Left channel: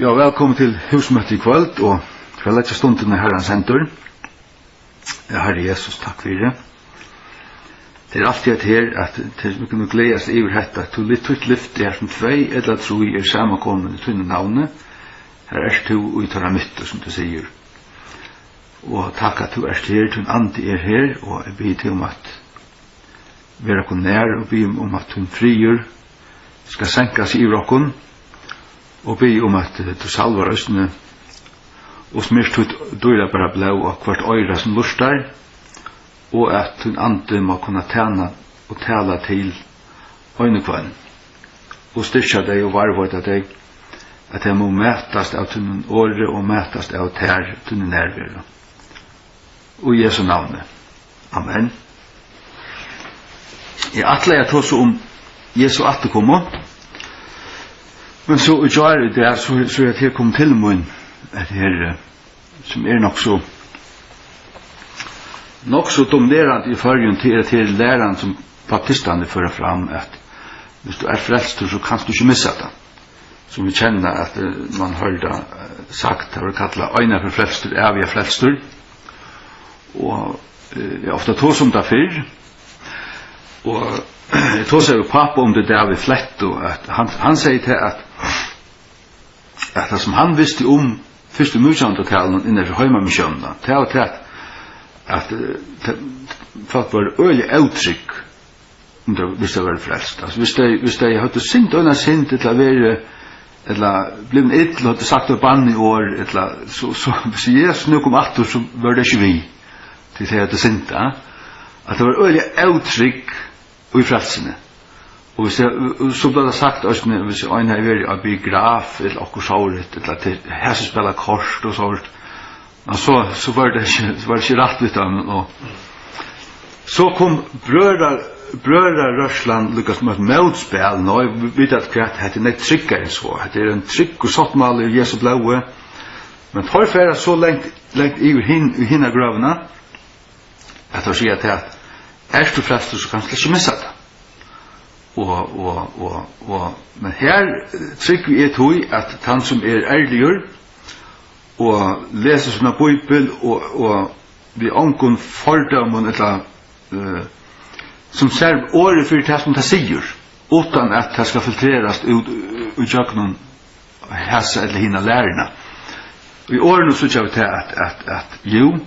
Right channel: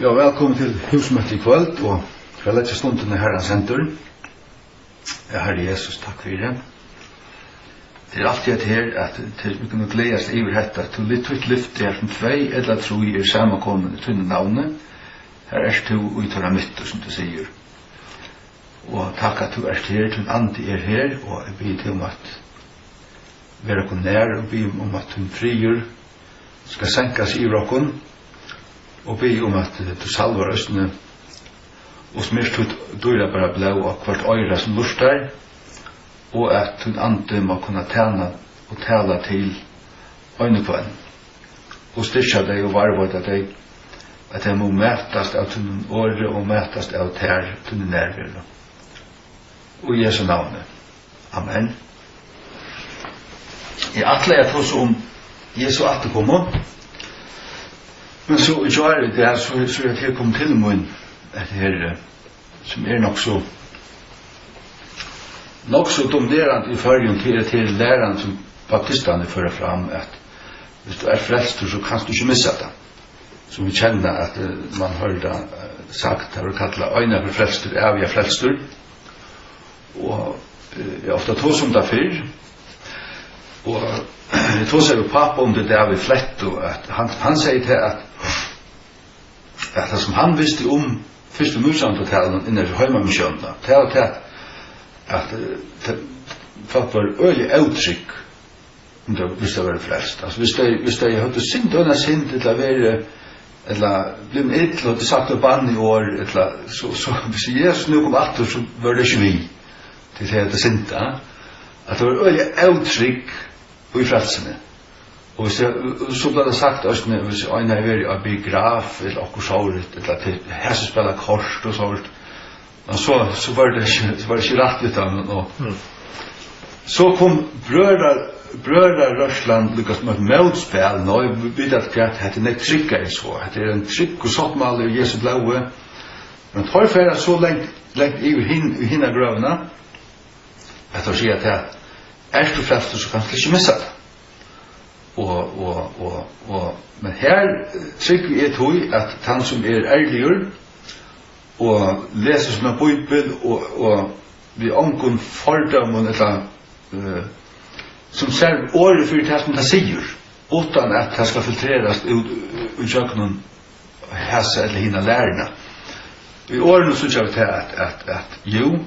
Ja, velkommen til husmøte I kvöld, og kveldetja stunden Herrens hendur. Herre Jesus, takk for det. Det alltid et her, at vi kunne gledes over dette, at du litt tøyt lyft som 2 eller 3 samankommen I tunne navnet. Her du uttara mytter, som du sier. Og takk at du her, tunn andi her, og jeg byr til at vera kon nær, og byr at tunn frier skal senkas I rokkon, og be at du salvar østene og smyrst ut døyra bara blå og hvert øyra som lustar og at hun ande må kunne tjena og tala til øynekvann og styrka deg og varvåta deg at jeg må mætast av tunnen åre og mætast av tær tunnen nærvira og I Jesu navne Amen. Jeg atler jeg tås Jesu atterkommer. Men så gjør det så jeg til kom til mun at her som nok så dominerende I fargen til læreren som baptistene fører fram at hvis du frelst så kan du ikke missa det. Så vi kjenner at man hørte sagt det var kallet øyne for frelstur, evige frelstur. Og jeg ofte tås det før. Og jeg tås jo pappa det der vi flett og at han sier til at det som han visste første musamtalen innan heimamisjonen, det var til at folk var øyelig avtrykk hvis det var frelst. Altså hvis de hadde sint under sint eller være eller blivit ill og hadde sagt av bann I år eller så hvis Jesus nu kom atter så var det ikke vi til det hadde sint at det var øyelig avtrykk I frelsene. Og så ble det sagt hvis øyne er vært av biograf eller okkur såret eller til her som spiller kort og sånt så var det ikke rett litt av noe så kom brødre Røsland lykkes med et møtspill og jeg vet at det er ikke tryggere så det er en trygg og sottmal I Jesu blåe men tar for så lengt I hinna grøvene at jeg sier at du frelst så kan du ikke missa det men her trykker vi tog at han som ærliggjør og leser sånne bibel og vi ångon fordømmen eller som ser året for det som det sier utan at det skal filtreras ut jøkken hæsa eller hina lærerne og I årene så kjør vi til at jo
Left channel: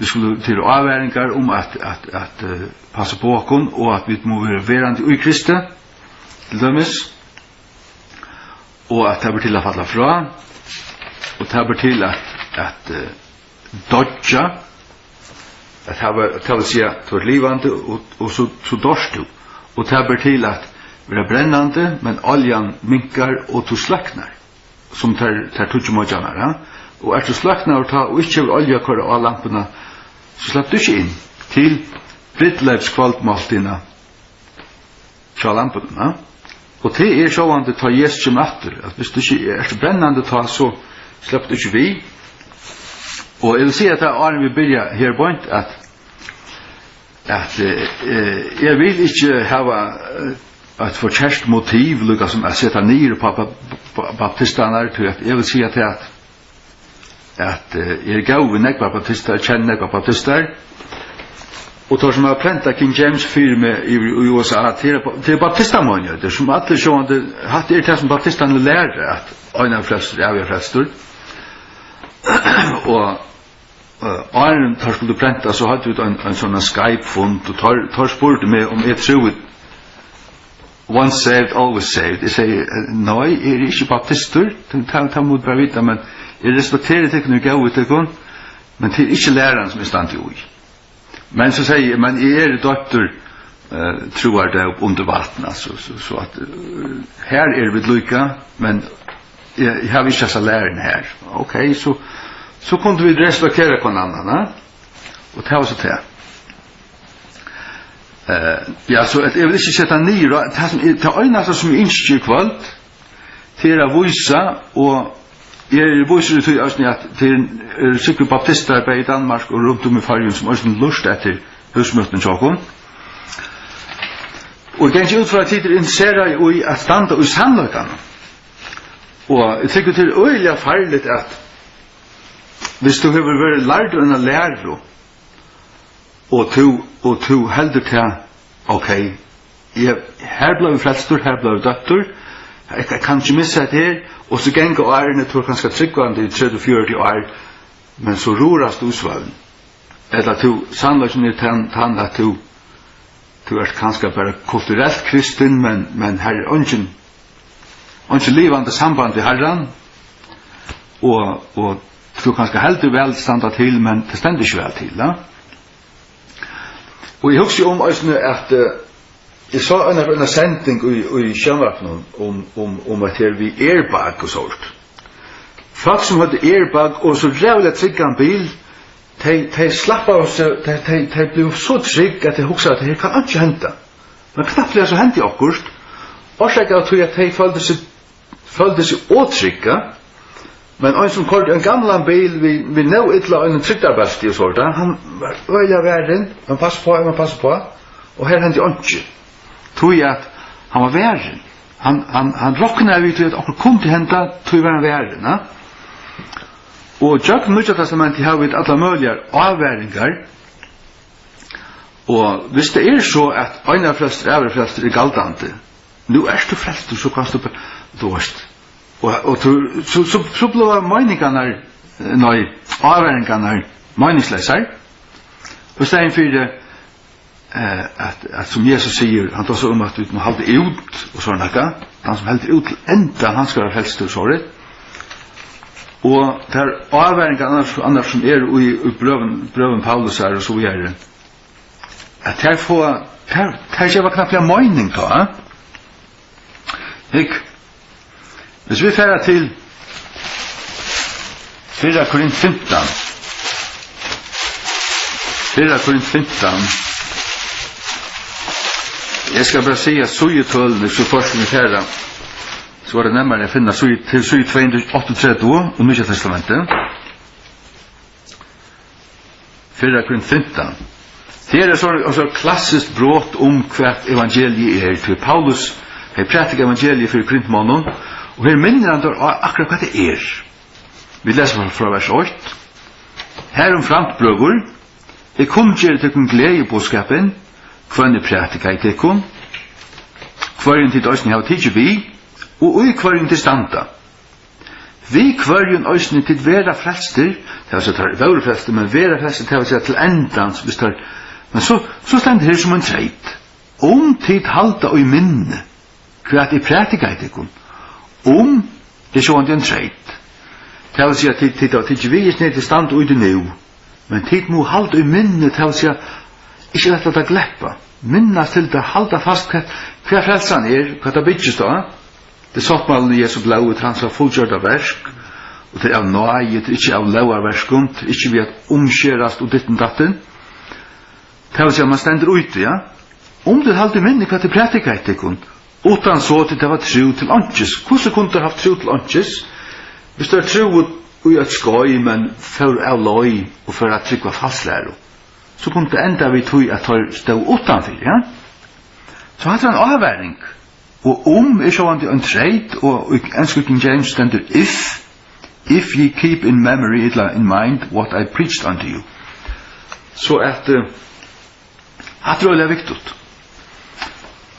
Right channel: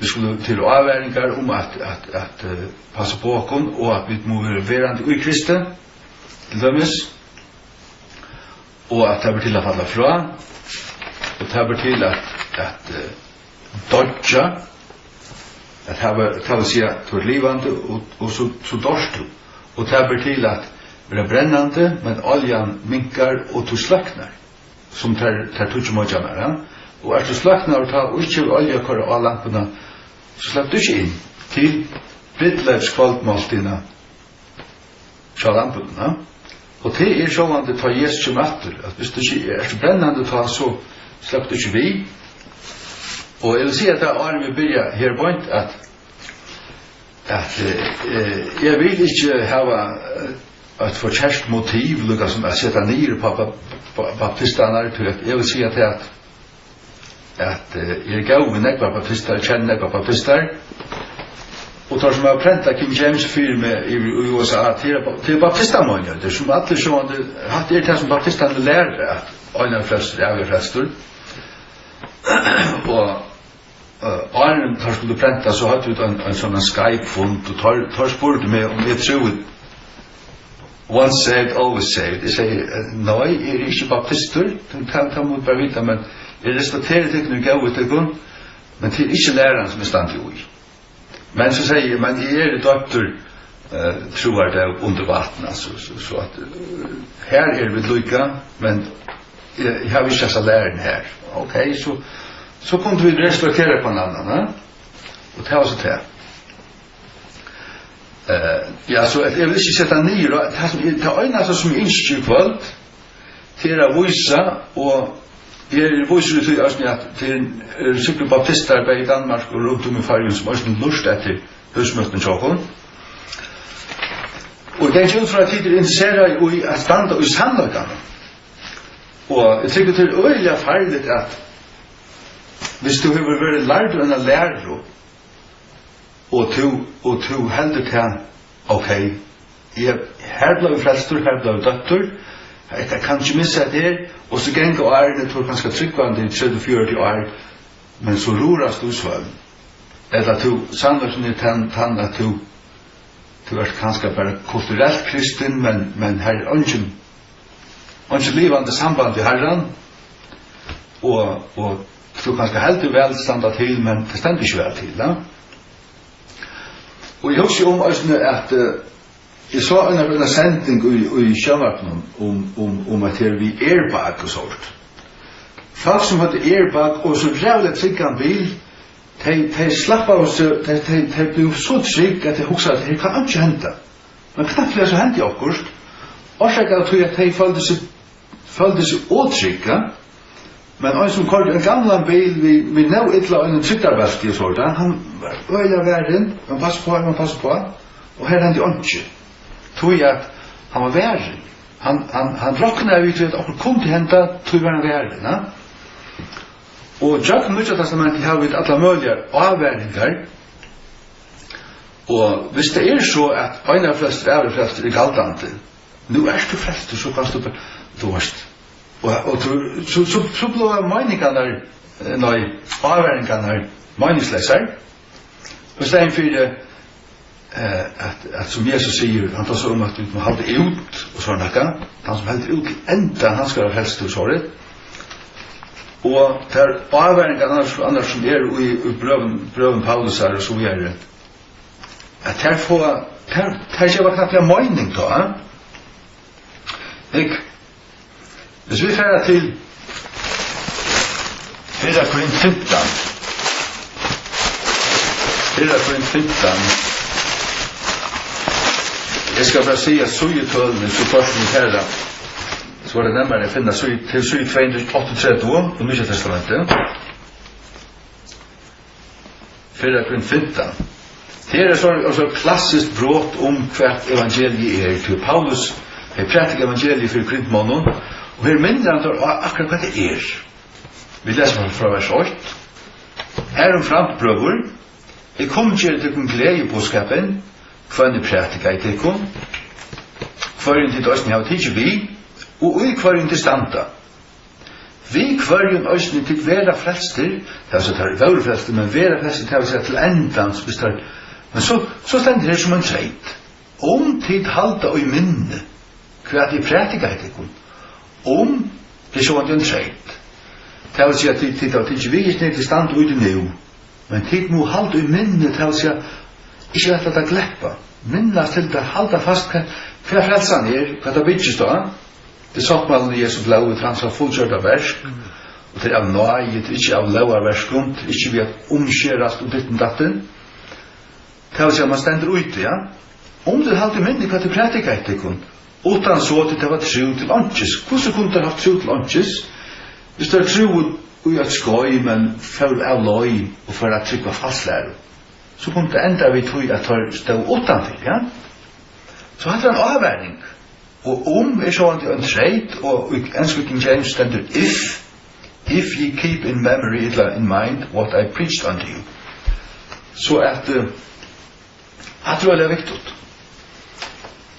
vi skulle til avværingar at passa på okon og at vi må være verande I Kristi til dømes og at det blir til å falla fra og det blir til at dodja at det vil si at du er livande og så dørst du og det blir til at vi er brennande men oljan minkar og du sløknar som tar tutsjumodjanar og du sløknar og ikke olja kår av lampene så slapp du ikke inn til Brittlevs kvaldmaltina fra lampene og det sånn ta Jesus som etter at hvis du ikke så brennande ta så slapp du ikke vi og jeg vil si at det er vi begynner her point at jeg vil ikke hava et forkjærst motiv lukka som jeg setter nir på baptistene jeg vil si at jeg gav nekva baptister kjenner nekva baptister og tar som har prenta King James 4 med I USA til baptistamånjer det som alle sjående hatt det som baptistene lærer at øyne frelstur er frelstur og Arne tar skulle prenta så hadde vi en sånn Skype-fund og tar spurte meg om jeg tror once saved, always saved jeg sier, nei, jeg ikke baptister ta mot bare vite, men jeg respekterer det når jeg gav ut det men det ikke læreren som stand jo I men så sier jeg, men jeg døtter tror det under vatten så at her vi lykka men jeg har ikke så læreren her ok, så kunne vi respektere på en annan og det var så til ja, så jeg vil ikke sette nyr det er øyne som innskjer kveld til å vise og jeg viser til at det er sikkert baptister I Danmark og rundt I fargen som også lust etter husmøtten tjokken og jeg kan ikke ut fra at de interesserer I at standa I sannløkene Og jeg tykker til øyelig farligt at hvis du har vært lært enn å lære og du heldur til ok, her ble vi frelstur, her ble vi døttur, jeg kan ikke missa det her, og så geng og ærene tror kanskje tryggvande i 30-40 år, men så rorast du svøvn. Eller at du sannløsen er tann at du er kanskje bare kulturelt kristen, men her er ikke livande samband til Herren, og du kanskje heldur vel standa til, men det stender ikke vel til, da. Og jeg husker om at jeg så en sending i Sjønvapnen om at her vi airbag og sånt. Folk som hadde airbag og så rævlig trygg en bil, de slapp av oss, de ble så trygg at jeg husker at her kan ikke hente. Men knappt det så hente i akkurat. Årsaken at de følte seg åtrygga, men en som kørte en gammal bil vi nå ytla en trygdarbeski og sånt, han var øyla verden, man passer på, og her hente ikke. Tog jeg at han var verden. Han råkna vi til at okkur kom til henta, tog var han verden. Og Jack Nødja Testamentet har vi alla mølger avværingar, og hvis det er så at øyna frelster er galdande, nu er du frelster, så kan du dårst. Og så blev meningarna, avværingarna meningsløsar. Hvis det er en fyrir at som Jesus sier, han tar så at du må halde ut og sånn akka, han som heldur ut til enda, han skal ha helst og sånn. Og det er avværingarna annars som er i brøven Paulus her og så videre, at her ikke var knapt mening da, ikke? Hvis vi færer til 4 Korint 15, jeg skal bare si at sugetøllene, så først vi færer, så var det nærmere å finne til sug 238 og Nye Testamentet. 4 Korint 15. Det er så klassisk brått om hvert evangeliet er til Paulus. Jeg prætik evangeliet for Korintmånen, og her minner han akkurat hva det er. Vi leser fra vers 8. Herom framt, brøver, jeg kom til til glede på skapen, hva prætika i tekon, hva til døsning av tidsi vi, og i hva til standa. Vi hva øsning til vera frelster, det er så tar våre frelster, men vera frelster til å si til endans, men så stender her som en treit. Tid halda og i minne, hva til prætika i tekon, det så en treit. Det vil si at tid vi er til stand og i det nu, men tid må halda i minne, det vil si at ikke rett at gleppa, minnas til det halda fast hva frelsan hva det bytjes da, det soppmalen i Jesu blå, hans har fullgjørda versk, og til av nøye, til ikke av lauar verskund, til ikke vi at omskjerast og ditten datten, det vil si at man stender ute, ja, det halda i minne hva til prætika i tekon, utan så til det var tro til åndsjes. Hvordan kunne det ha tro til åndsjes? Hvis det er tro i et skoj, men for av løy og for at trykva falslæro, så kunne det enda vi tog at det stod utanfor, ja? Så hadde det en avværing. Og er sånn en treit, og i engelsk King James stender if ye keep in memory, in mind, what I preached unto you. Så at det er viktig.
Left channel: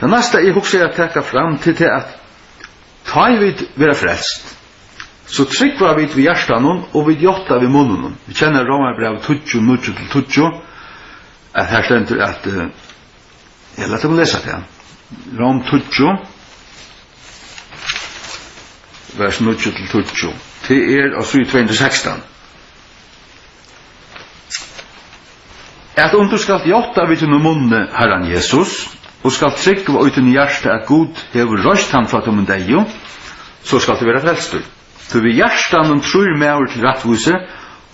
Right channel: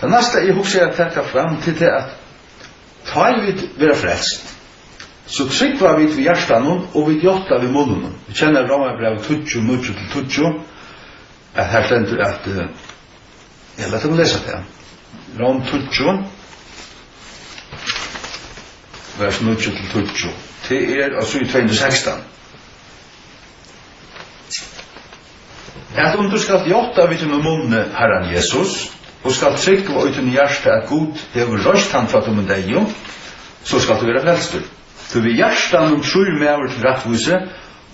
Det neste jeg husker å trekke fram til det at ta vi være frelst, så trykker vi til hjertan og vi gjotta ved munnen. Vi kjenner Romarbrev 20, 9-20, at her stender at jeg lette å lese det. Rom 20, vers 9-20. Det er altså i 216. At du skal gjotta ved munnen Herren Jesus, og skal trykke og uten hjerte at Gud hever røst han fra tom deg, så skal du være frelster. For vi hjertan tror med over til rettvise,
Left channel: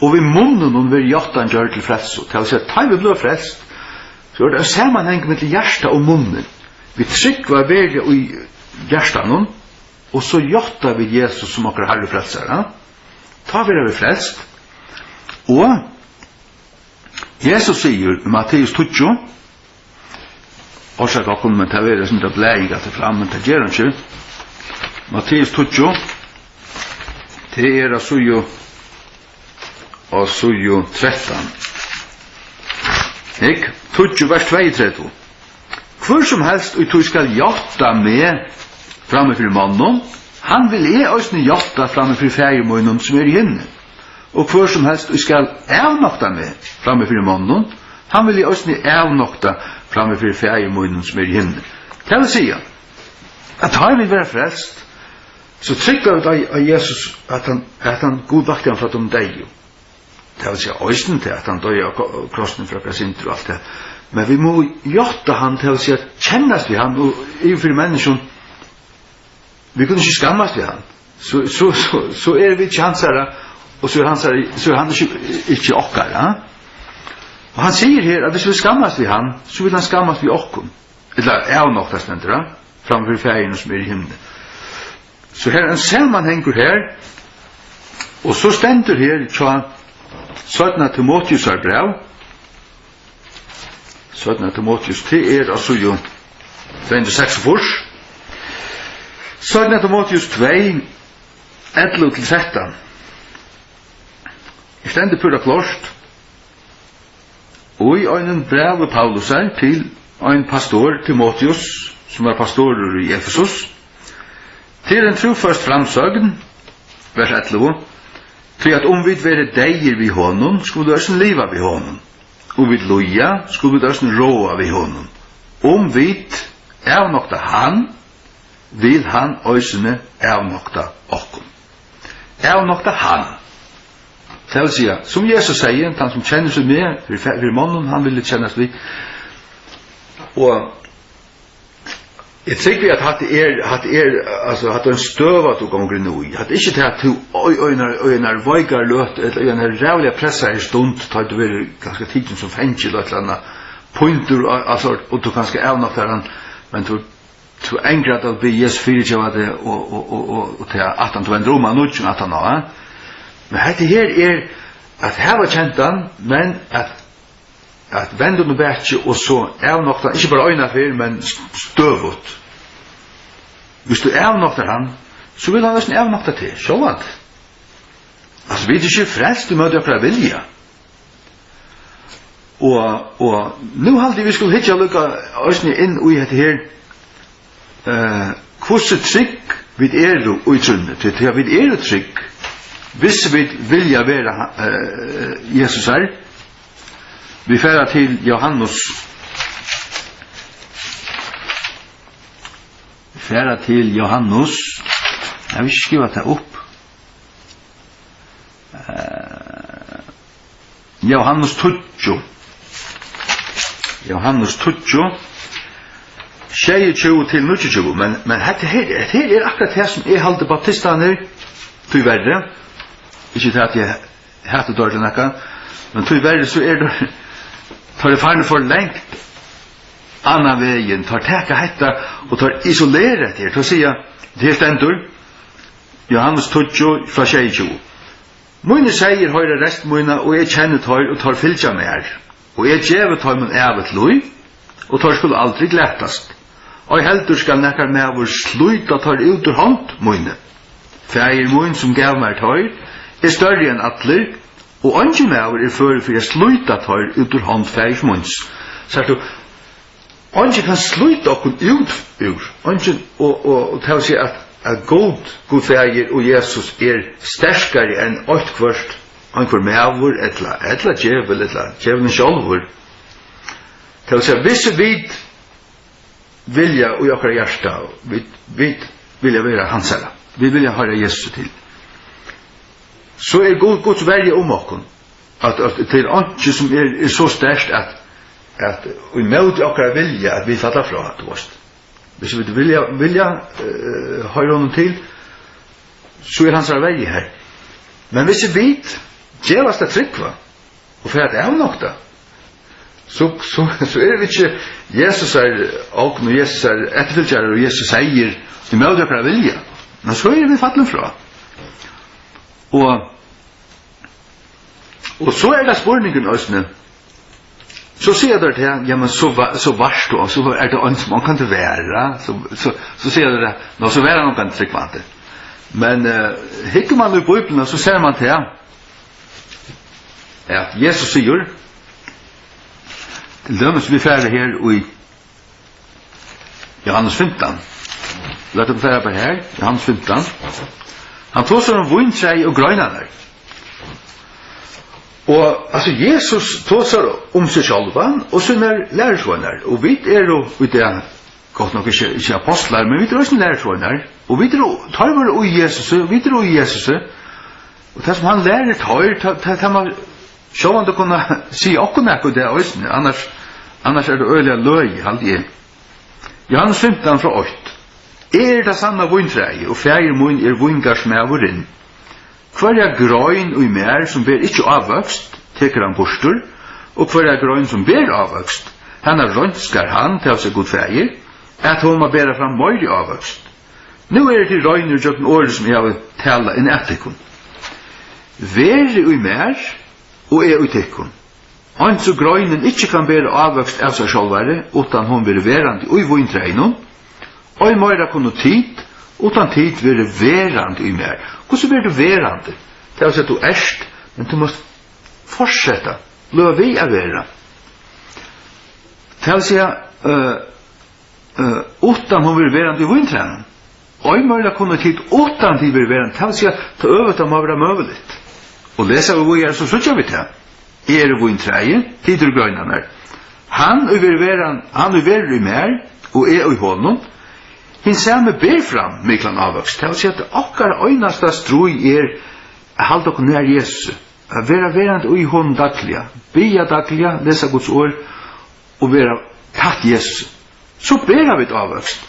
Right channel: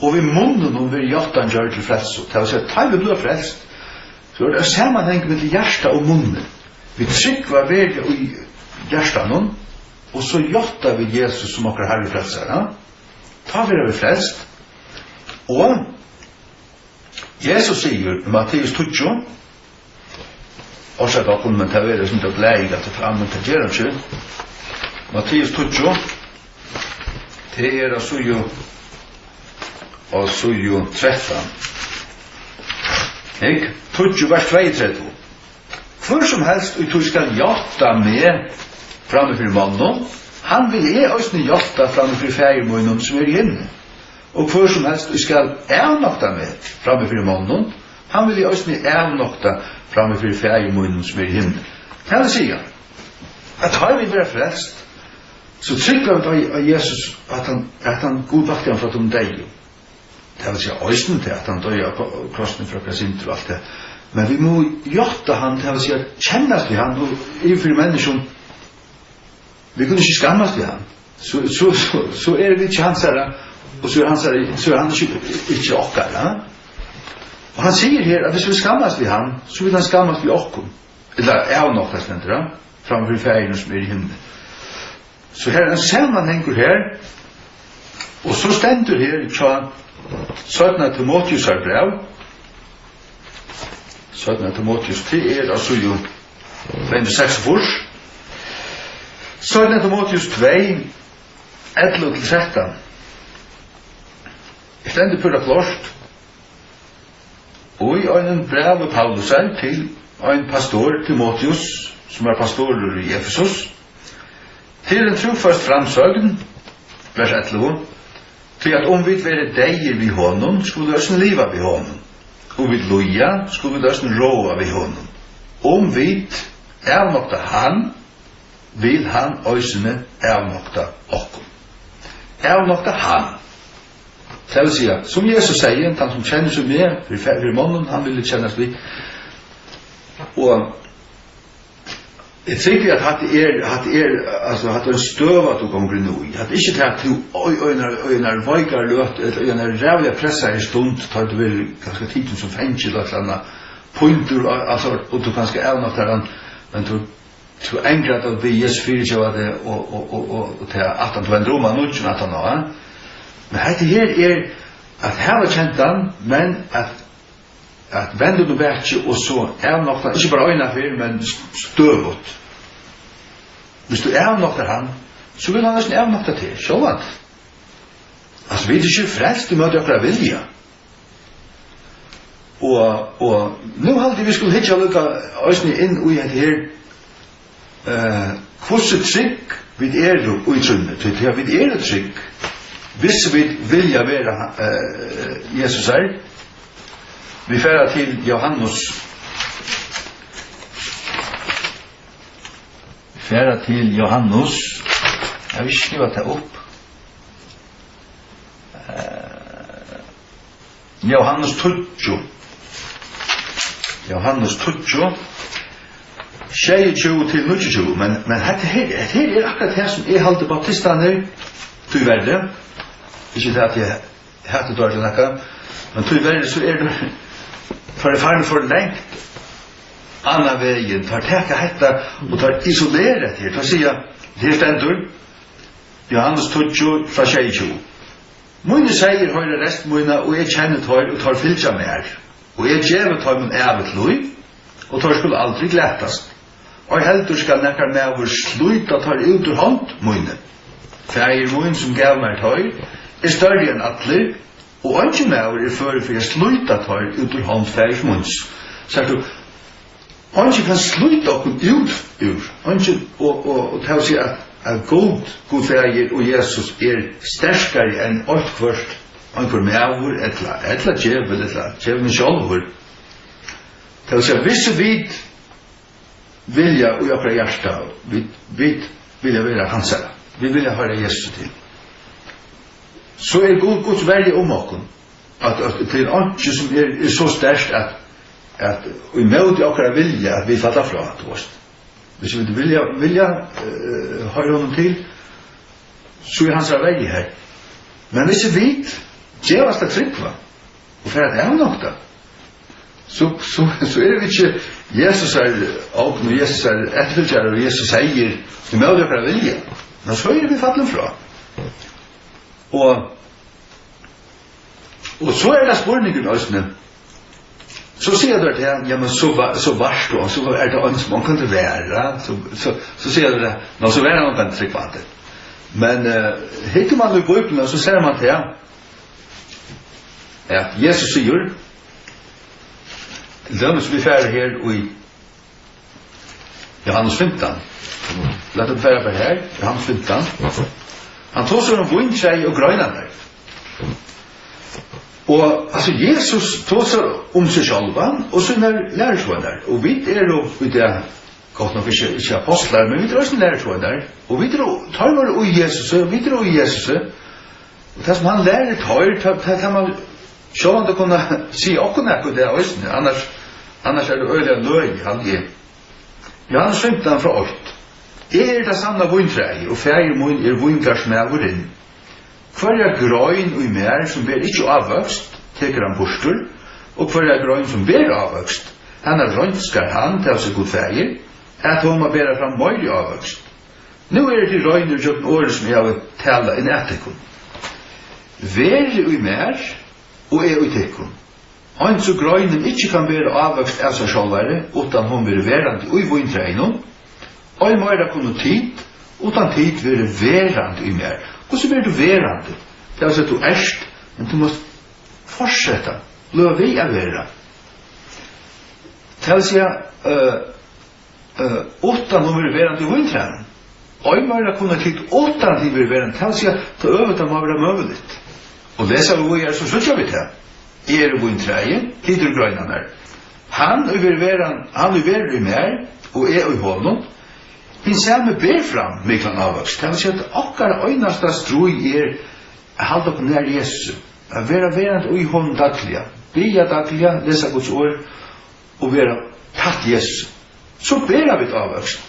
og vi munnen vil hjertan gjøre til frelser. Det vil si at da vi blir frelst, så er det sammenheng med hjerte og munnen. Vi trykker veldig i hjertan, og så hjertar vi Jesus som akkurat herre frelsere. Da vil vi frelst. Og Jesus sier, Matteus 20, Årsak akkur, men det er som det blei at det fram, men det gjør han ikke. Matteus 20, Det av sujo 13. Ik, 20 vers 32. Hvor som helst og du skal hjatta med framme for mannen, han vil også hjatta framme for fergemunnen som hinne. Og hvor som helst og skal avnokta med framme for mannen, han vil også avnokta framme for fergemunnen som hinne. Hva vil si? At har vi vært frelst, så trykker vi av Jesus at han godvakter han fra de deg. Det vil si øyne til at han døy av krossen fra Kasinter og alt det. Men vi må gjøre han til å si at kjennes vi han, og innenfor mennesken, vi kunne ikke skammes vi han. Så vi ikke hans herre, og så han ikke okkar. Ja? Og han sier her at hvis vi skammes vi han, så vil han skammes vi okkom. Eller avnoktas nendra, framfor ferien som i himmelen. Så her en sammanhenger her, og så stender her tja 17. Timotheus brev. 17. Timotheus, det altså jo 246. 17. Timotheus 2, 11-13. Jeg stender på det klart. Og i en brev Paulus til en pastor, Timotheus, som var pastor i Efesus, til en trofast framsøgn, vers 11, til at om vi være deier vi honom, skulle vi også liva vi honom. Og vi loja, skulle vi også råa vi honom. Om vi avnokta han, vil han òsne avnokta okkom. Avnokta han. Det vil si, som Jesus sier, han som kjenner seg med, for månen, han vil kjennes vi. Og jeg tror at det en støv at du kommer nå i. At ikke til at du øyner veikar løt, eller øyner rævlig pressa i stund, tar du vil ganske tiden som fengil og et eller annet pointer, og du kanskje avnokter han, men du engrer at vi Jesus fyrirkjøver det, og til at han tog en droma nødgen at han har. Men her at her var kjent han, men at vende du bætje, og så avnokter han, ikke bare øyna fyr, men støvut. Hvis du avnokter han, så vil han nesten avnokta til, sjåvat. Altså, vi er ikke frelst, du møter okra vilja. Og nu halde vi skulle hitja lukka òsne inn ui het her, hvordan trygg vi og i trunnet, til vi trygg, hvis vi vilja være Jesus her. Vi færa til Johannes. Jeg vil ikke skrive det opp. Johannes 20. Johannes 20. 22 til 29. Men her akkurat det som jeg halte baptistene til verre. Ikke til at jeg hatt det dårlig nekka. Men til verre så det tar det farne for lengt annan veien, tar teka hetta og tar isoleret her, tar sia det stendur Johannes 20 fra 22. Mine sier høyre rest mine, og jeg kjenner tøyr og tar fylgja med her. Og jeg gjevet tøyr min evet lui, og tøyr skulle aldri glettast. Og heldur skal nekkar med vår sluta tøyr ut ur hånd mine. Fægir min som gav meg tøyr, større enn atler, og anki med fyrir for jeg sluta tøyr ut ur hånd fægir mins. Sagt du, anki kan sluta okkur ut ur, anki, og til å si at god fægir og Jesus sterskare enn åttkvart anker meavur, etla djevel, etla djevelen sjálfur. Til å si at hvis vi vilja og okkar hjärsta, vi vilja vera hansara, vi vilja høyra Jesus til, så Guds verje okkur, at til anki som så sterkt at vi møter okkar vilja at vi falla fra at hvis vi vilja høyra honom til, så hans verje her. Men hvis vi djevast det tryggva, og for at det avnokta, så vi ikke Jesus åken, og Jesus etterfylgjare, og Jesus sier vi møter okkar vilja, men så vi falla fra. Og så det spurningen også, så sier det til han, ja, men så varst du, så det en som han kan ikke være, så sier det, nå så være han kan tryggvante. Men hikker man i Bibelen så ser man til at Jesus sier til dømes vi færre her i Johannes 15. Låt oss færre på her, Johannes 15. Han tog seg om vintræ og grønene. Og altså Jesus tog seg om seg selv og sine lærersvønner. Og vi jo i det godt nok ikke apostler, men vi også lærersvønner. Og vi tar våre i Jesus, vi tar i Jesus. Og det som han lærer tar, det man se om det kunne si okkur på det også, annars det øyelig løy, alltid. Johannes 15 fra 8. Det sanna vintræi, og fægir mun vingarsmævurinn. Hverja grøyn og mer som ber ikke avvøkst, teker han bostur, og hverja grøyn som ber avvøkst, han rønskar han til å seg god fægir, at hun må bæra fram møylig avvøkst. Nå det til røyner jøkken året som jeg har tala inn etikon. Vere og mer, og og tekon. Han så grøynen ikke kan bæra avvøkst av seg sjálvare, utan hun vil verandi og i vintræinum, og i møyra kunne tid, utan tid vil verandi i mer. Hvordan blir du verandi? Det er at du erst, men du må fortsette. Løy vi å være. Det er å si utan hun vil verandi i vintræinum. Og i møyra kunne tid, utan tid vil verandi. Det er å si at det øvet må være møvelig. Og lesa vi her, så slutter vi til. Vintræi, tid til grøynene. Han vil være i mer, og i hånden, hin samme ber fram miklan avvøkst. Det vil si at okkar øynasta strui halda okkur nær Jesus. A vera verand i hon daglia. Bia daglia, lesa Guds ord, og vera tatt Jesus. Så ber vi avvøkst.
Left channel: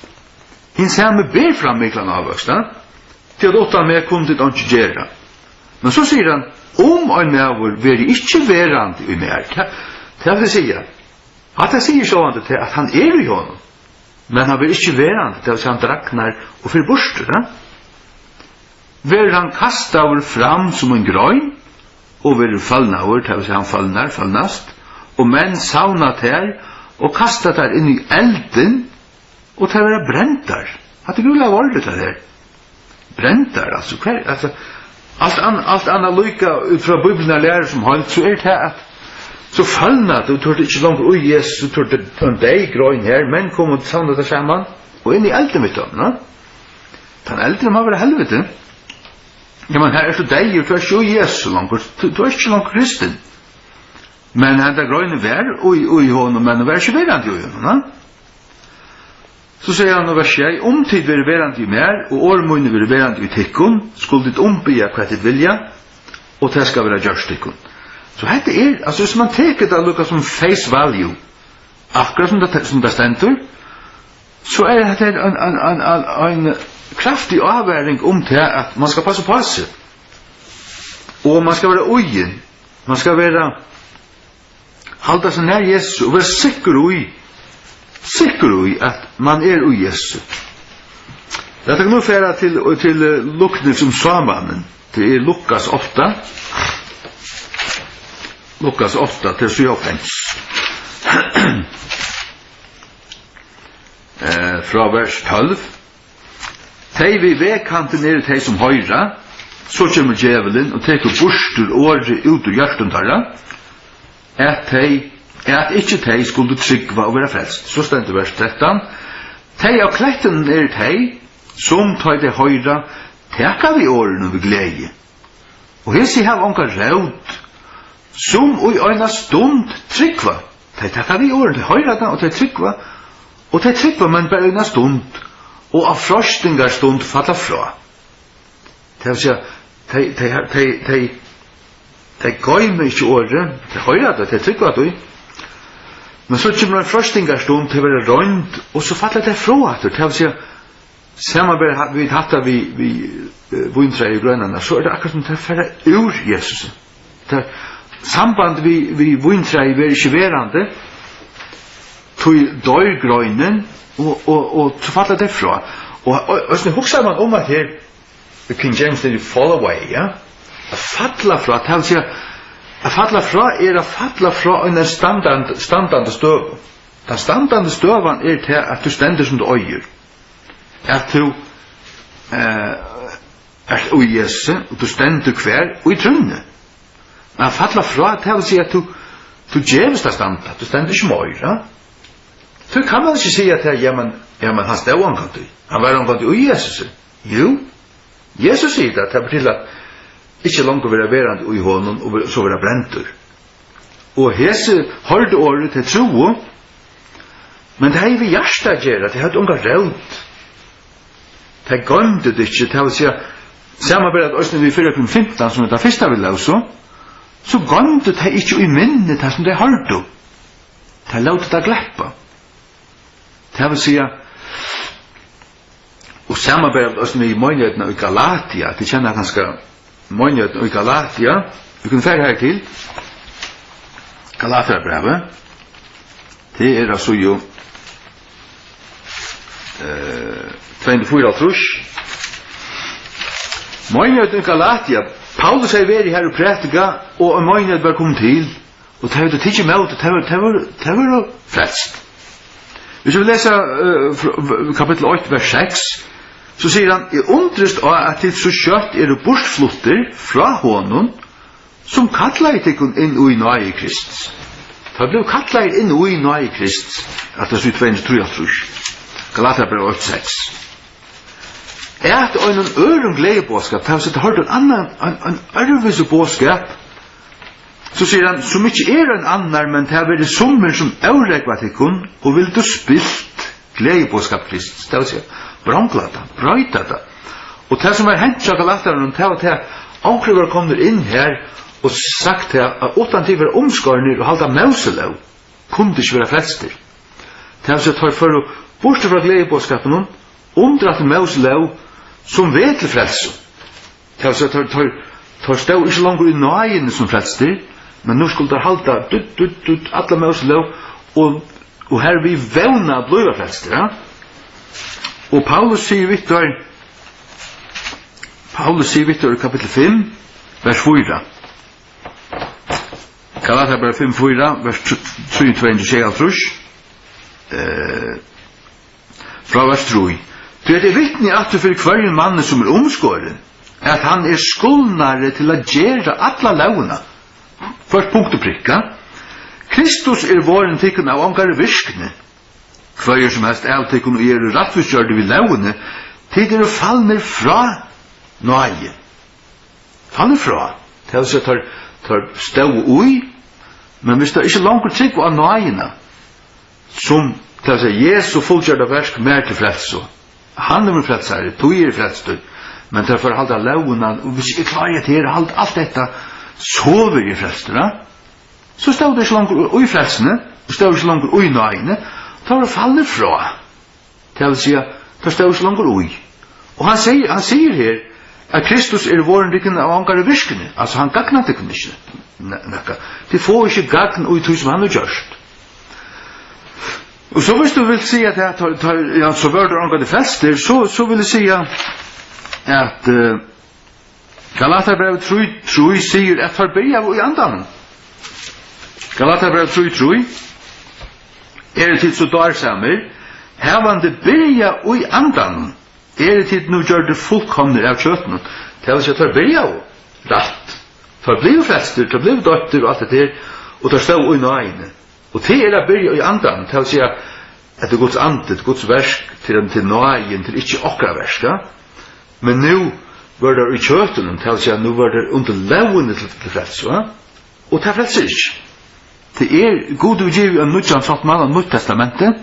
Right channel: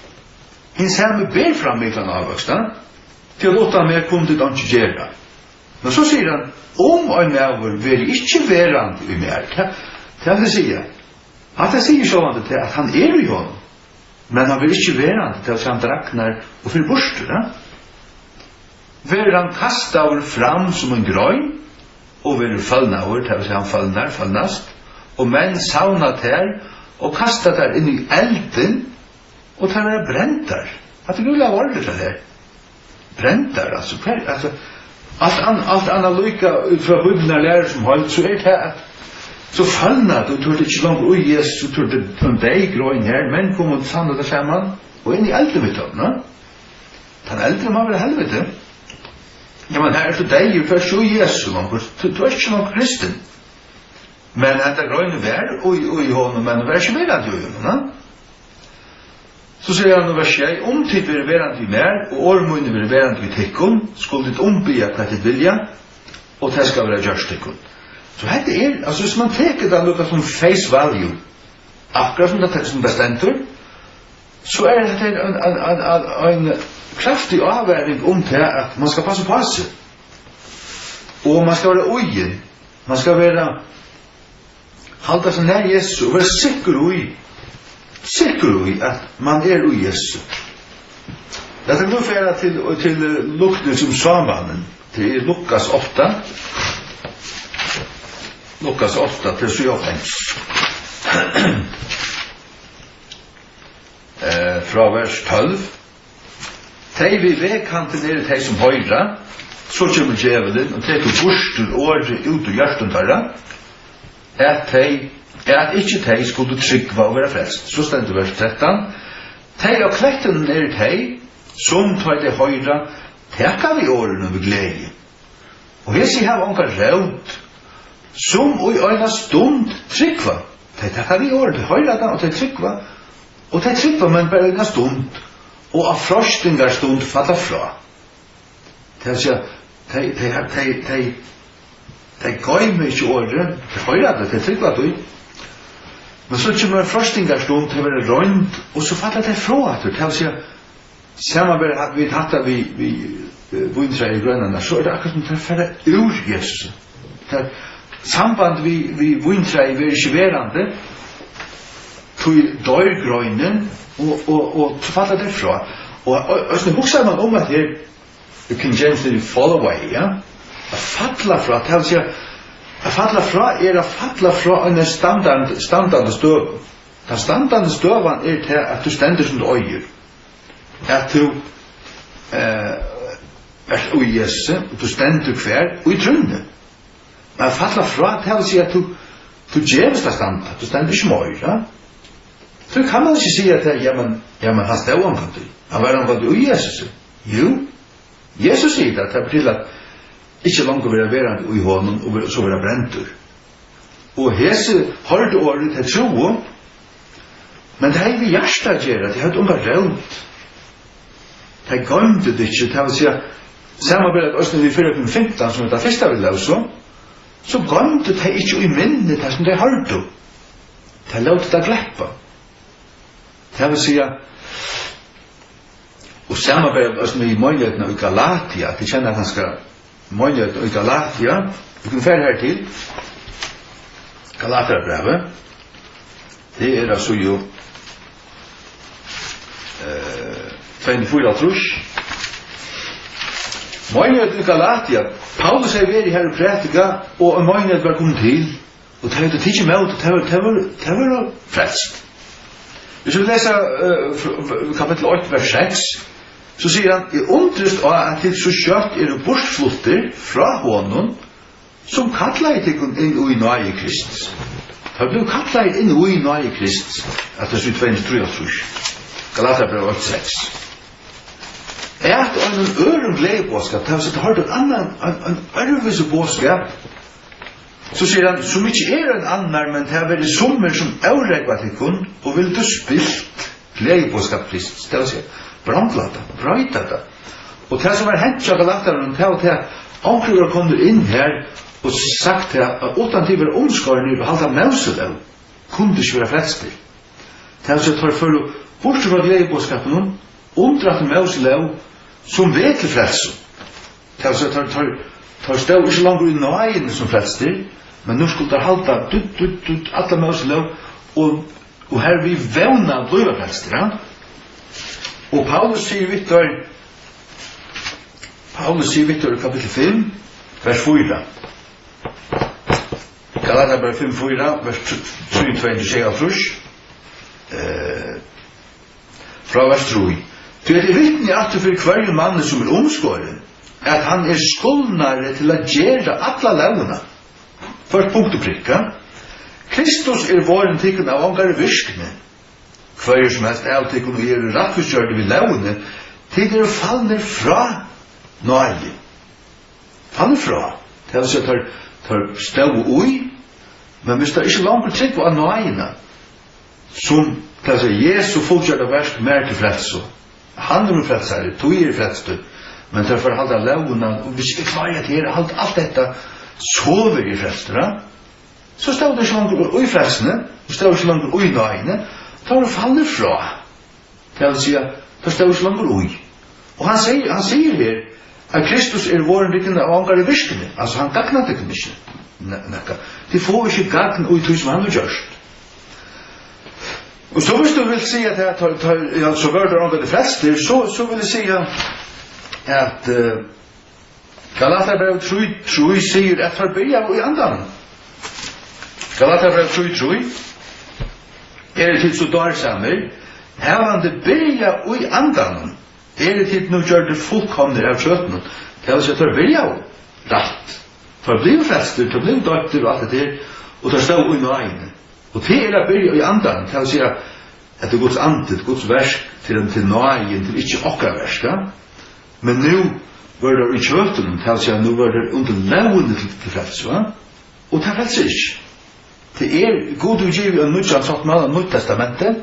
Hin samme ber fram miklan avvøkst. Til at utan mer kunne det ikke gjøre. Men så sier han, ein mævur veri ikkje verand i mer. Det vil si at han sier sånn at han i honom. Men han vil ikke verand til at han draknar og fyrir bostur. Vil han kastar fram som en grøyn, og vil fallna over, til at han fallnast, og menn sauna ter, og kastar der inn i elden, og til å brentar. Hatt rulla vordet det der. Brentar, altså, alt annet lykka ut fra Bibelen er lærer som holdt, så det at så fallna det, og tog det ikke langt ui Jesus, og tog det en deg grøyn her, men kom og sanda det saman, og inn i elden mitt om, den elden må være helvete. Ja, men her er det deg, og du er ikke Jesus langt, du er ikke langt kristen. Men det grøyne vær, og i hånden, men det er ikke verand i hånden, Så sier han vers 6, tid vil verand i mer, og årmunne vil verand i tikkun, skulle ditt ombya hva ditt vilja, og det skal være gjørst tikkun. Så dette altså hvis man teker det lukka som face value, akkurat som det stendur, så dette en kraftig avværing til at man skal passe på seg. Og man skal være ugen, man skal være halda seg nær Jesus, og være sikker i at man i Jesus. Det kan nå fære til lukten som samanen. Det Lukas 8. Lukas 8 til 7-5. Fra vers 12. Tei vi vekkanten tei som høyra, så kommer djevelen og teker bostur året ut ur hjertuntarra, at ikkje tei skulle tryggva og være frelst. Så stendur vers 13. Tei av kletten tei, som tar det høyra, teka vi årene ved glede. Og hessi har onka rævd, som i øyna stund tryggva. Tei teka vi årene høyra da, og tei tryggva, men bare øyna stund, og av frostingar stund falla fra. Det vil si, tei gøyme ikkje årene, tei høyra da, tei tryggva du. Men så kommer frostingar stund til å være røynd, og så faller det fra at det vil si, samarbeid hadde vi hatt vi vintræ i grønnerne, så det akkurat som det færre ur Jesus. Samband vi vintræ i ver ikke verande, tog dør grønnen, og så faller det fra. Og så hokser man at her, King James er fall away, ja? At falla fra, det vil si, at falla fra a falla fra en standande støv. Den standande støvan til at du stender som du øyer. At du og Jesus, og du stendur hver, og i trunne. Men falla fra, det vil si at du gjevst av standa, du stendur ikke møyra. Så kan man ikke si at ja, men han stod omkant han var omkant i Jesus. Jo, Jesus sier det, det betyr at ikke langt å være verand i hånden, og så være brentur. Og hese hørte året til tro, men det er vi hjertet gjør, det er unga rønt. Det er gømte det ikke, det vil si at samme vel at Østen vi 4.15, som er det første vi løser, så gømte det ikke i minnet det som det hørte. Det låt det gleppa. Det vil si at og samme vel at Østen vi i Møgnøyden i Galatia, de kjenner at han skal Møgnøyden i Galatia, vi kunne fære her til Galaterbrevet, det er altså jo 24 trus. Møgnøyden i Galatia, Paulus er ved i her og prætika, og Møgnøyden var kommet til, og det var tidlig med ut, det var frelst. Hvis vi leser kapittel 8, vers 6, så sier han, jeg undrest av at det så kjøtt er bortflutter fra hånden, som kallar ikon inn i nøye Kristus. Det ble kallar inn i nøye Kristus, at det er 23. Galaterbrevet 8:6. Er det en øren gledebåskap, det har sett hørt en ørvise båskap, så sier han, som ikke er en annar, men det har vært sommer som avregvat ikon, og vil du spilt gledebåskap Kristus. Det vil si, brandlata, brøyta det. Og det som er hendt seg Galateren, det var til at omkriver kommer inn her, og sagt at utan til å være omskårende og halda mauseløv, kunne det ikke være frelster. Det er så tar for å borste fra gledebåskapen, omdratt mauseløv, som vet til frelsen. Det er så tar stå ikke langer i nøyen som frelster, men nå skulle det halda alle mauseløv, og her vi vevna bløyva frelster. Ja? Og Paulus sier Victor i kapittel 5, vers 4. Galaterbrevet 5:4, vers 23, fra vers 3. Det er vittne at du for hver mann som er omskåren, at han er skuldnare til å gjøre alla launa. Først punkt og prikka. Kristus er våren tikkun av angare virkne. Hver som helst er tikkun og er rattvisgjørde vid laune, til er fallner fra nøye. Fallner fra. Det er så tar stå ui, men hvis det ikke langer trygg av nøyene, som det er Jesu fullgjørde versk mer til frelso. Han er frelsare, du er frelst, men det er for å halde launa, og hvis ikke klarer til å halde alt dette, så vil jeg frelst, så stod det ikke langer ui frelsene, og stod det ikke langer ui nøyene, da var det fallner fra. Det vil si at det stod ikke langer ui. Og han sier her, at Kristus er våren rikken av angare virkene, altså han gagnar det kunne ikke. Det får ikke gagn ui tog som han har gjørst. Og så hvis du vil si at ja, så var det angare frelster, så vil jeg si at Galaterbrevet 3 sier at forbya i andan. Galaterbrevet 3 er det til så dårsamer, hevande byrja i andan, er det til nå gjør det fullkomne av kjøttene, til å si at byrja rett. For blir frelster, til blir døtter og alt det der, og det står i nøyene. Og til er det byrja i andan, til å si at det er Guds ande, det er Guds versk, til nøyen, til ikke okra versk. Men nå var det i kjøttene, til å si at nå var det under lovene til frelse. Og det frelser ikke. Det er god utgivet av nødjan satt med av Nytt testamentet,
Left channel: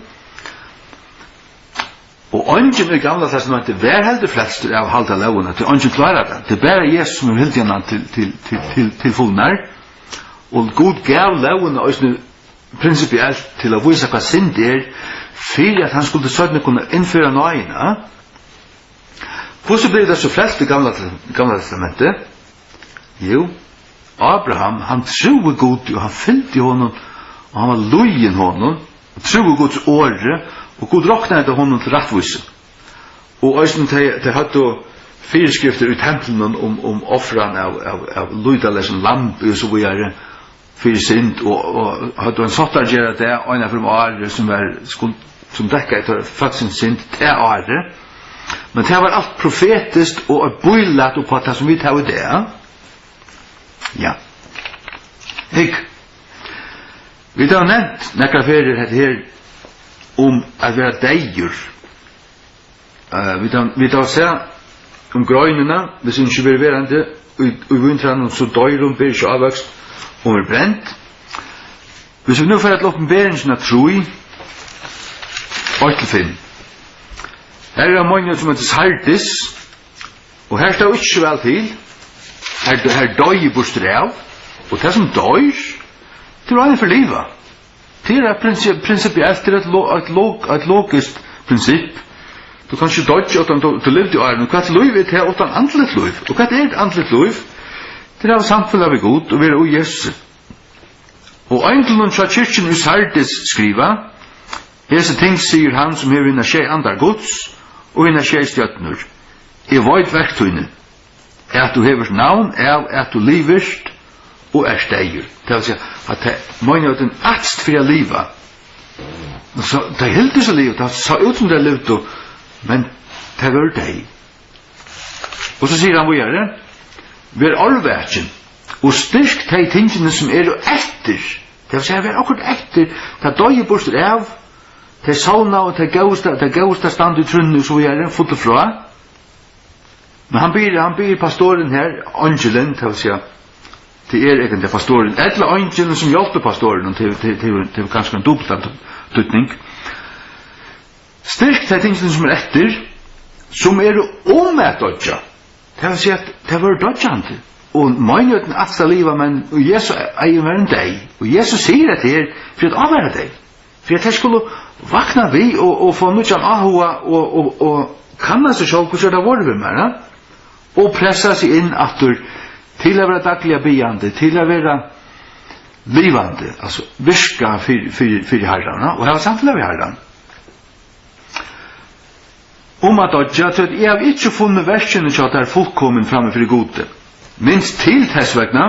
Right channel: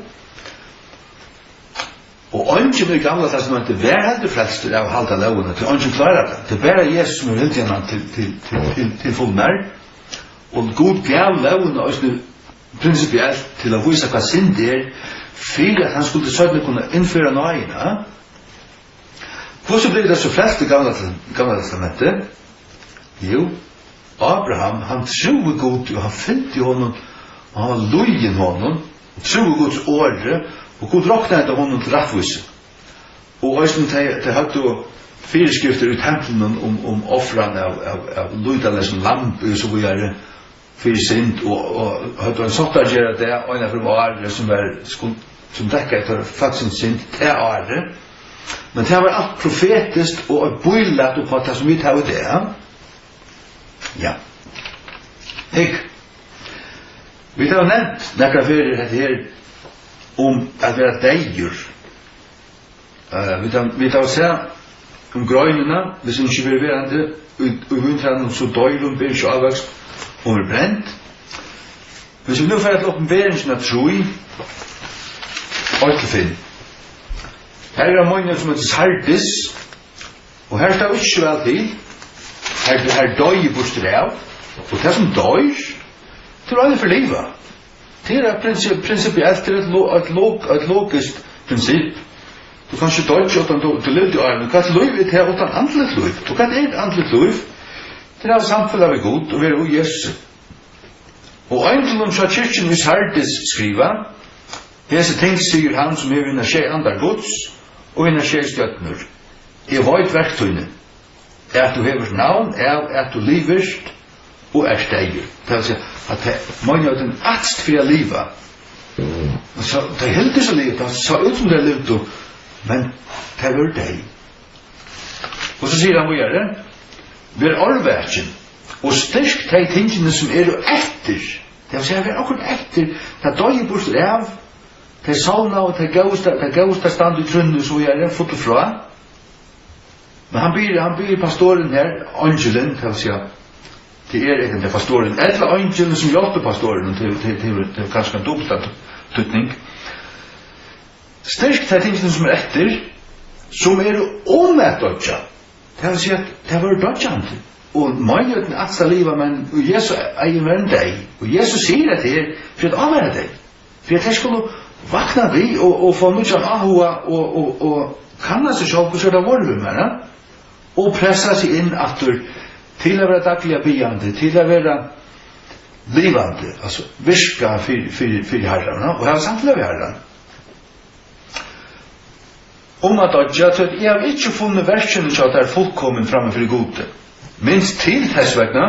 og ønsken i gamla testamentet var heldig frelst av halda lovene, til ønsken klarer det. Det er bare Jesus som er helt gjennom til fullnær, og God gav lovene også prinsipielt til å vise hva synd er, for at han skulle søgne kunne innføre nøyen. Hvordan blir det så frelst i gamla testamentet? Jo, Abraham, han troede Gud, og han fylte honom, og han var lojen honom, og troede Guds åre, og Gud råknade honom til rattvise. Og æsken til hadde fyrskrifter i tempelen om offran av lydalesen lamp, og så videre, fyrir synd, og hadde han satt å gjøre det, og en av dem åre som dekket etter fagsens synd til åre. Men det var allt profetiskt och bøylat upp på det som vi tar det. Ja. Vi tar nevnt nekra ferier her om at være deier. Vi tar se om grøynene, hvis ikke vil være det, og vinteren så døyr ber ikke avvøkst, og brent. Hvis vi nu får et åpenberingen av troi, 8-5. Her er mange som heter Sardis, og her står ikke vel til, her døy bostur av, og det som døy, det er for livet. Det er prinsipielt, det er et logisk prinsipp. Du kan ikke døy utan du levde i åren, og hva er liv er det utan andlet liv? Og hva er et andlet liv? Det er samfunnet vi god, og vi er i Jesus. Og engelen fra kyrkjen i Sardis skriva, hese ting sier han som hever inna skje andar gods, og inna skje stjøtner. Jeg veit verktøyne, at du hever navn av at du livest og er steier. Det vil si at det mange av den atst for å liva. Så det heldig så livet, det så ut som det levde, men det var deg. Og så sier han hva gjør det? Vi er arvverken, og styrk de tingene som er etter. Det vil si at vi er akkurat etter, det døye bort av, det sauna og det gausta stand i trunnet, så gjør det fotot fra. Men han byr pastoren her, angelen, det vil si at det er egentlig pastoren, eller angelen som hjelper pastoren, til kanskje en dobbelt tutning. Styrk de tingene som er etter, som er om et dødja. Det vil si at det var dødjande. Og mange uten atsta livet, men Jesus eier være en deg. Og Jesus sier det her for å avvære deg. For at jeg skulle vakna vi og få mye ahua og kanna seg selv hvordan det var ved meg. Og pressa seg inn atter til å være daglige byande, til å være livande, altså virka for herrarna, og ha samtidig ved herrarna. At dodja til at jeg har ikke funnet versene til at det er fullkommen framme for gode. Minst til tessvegna,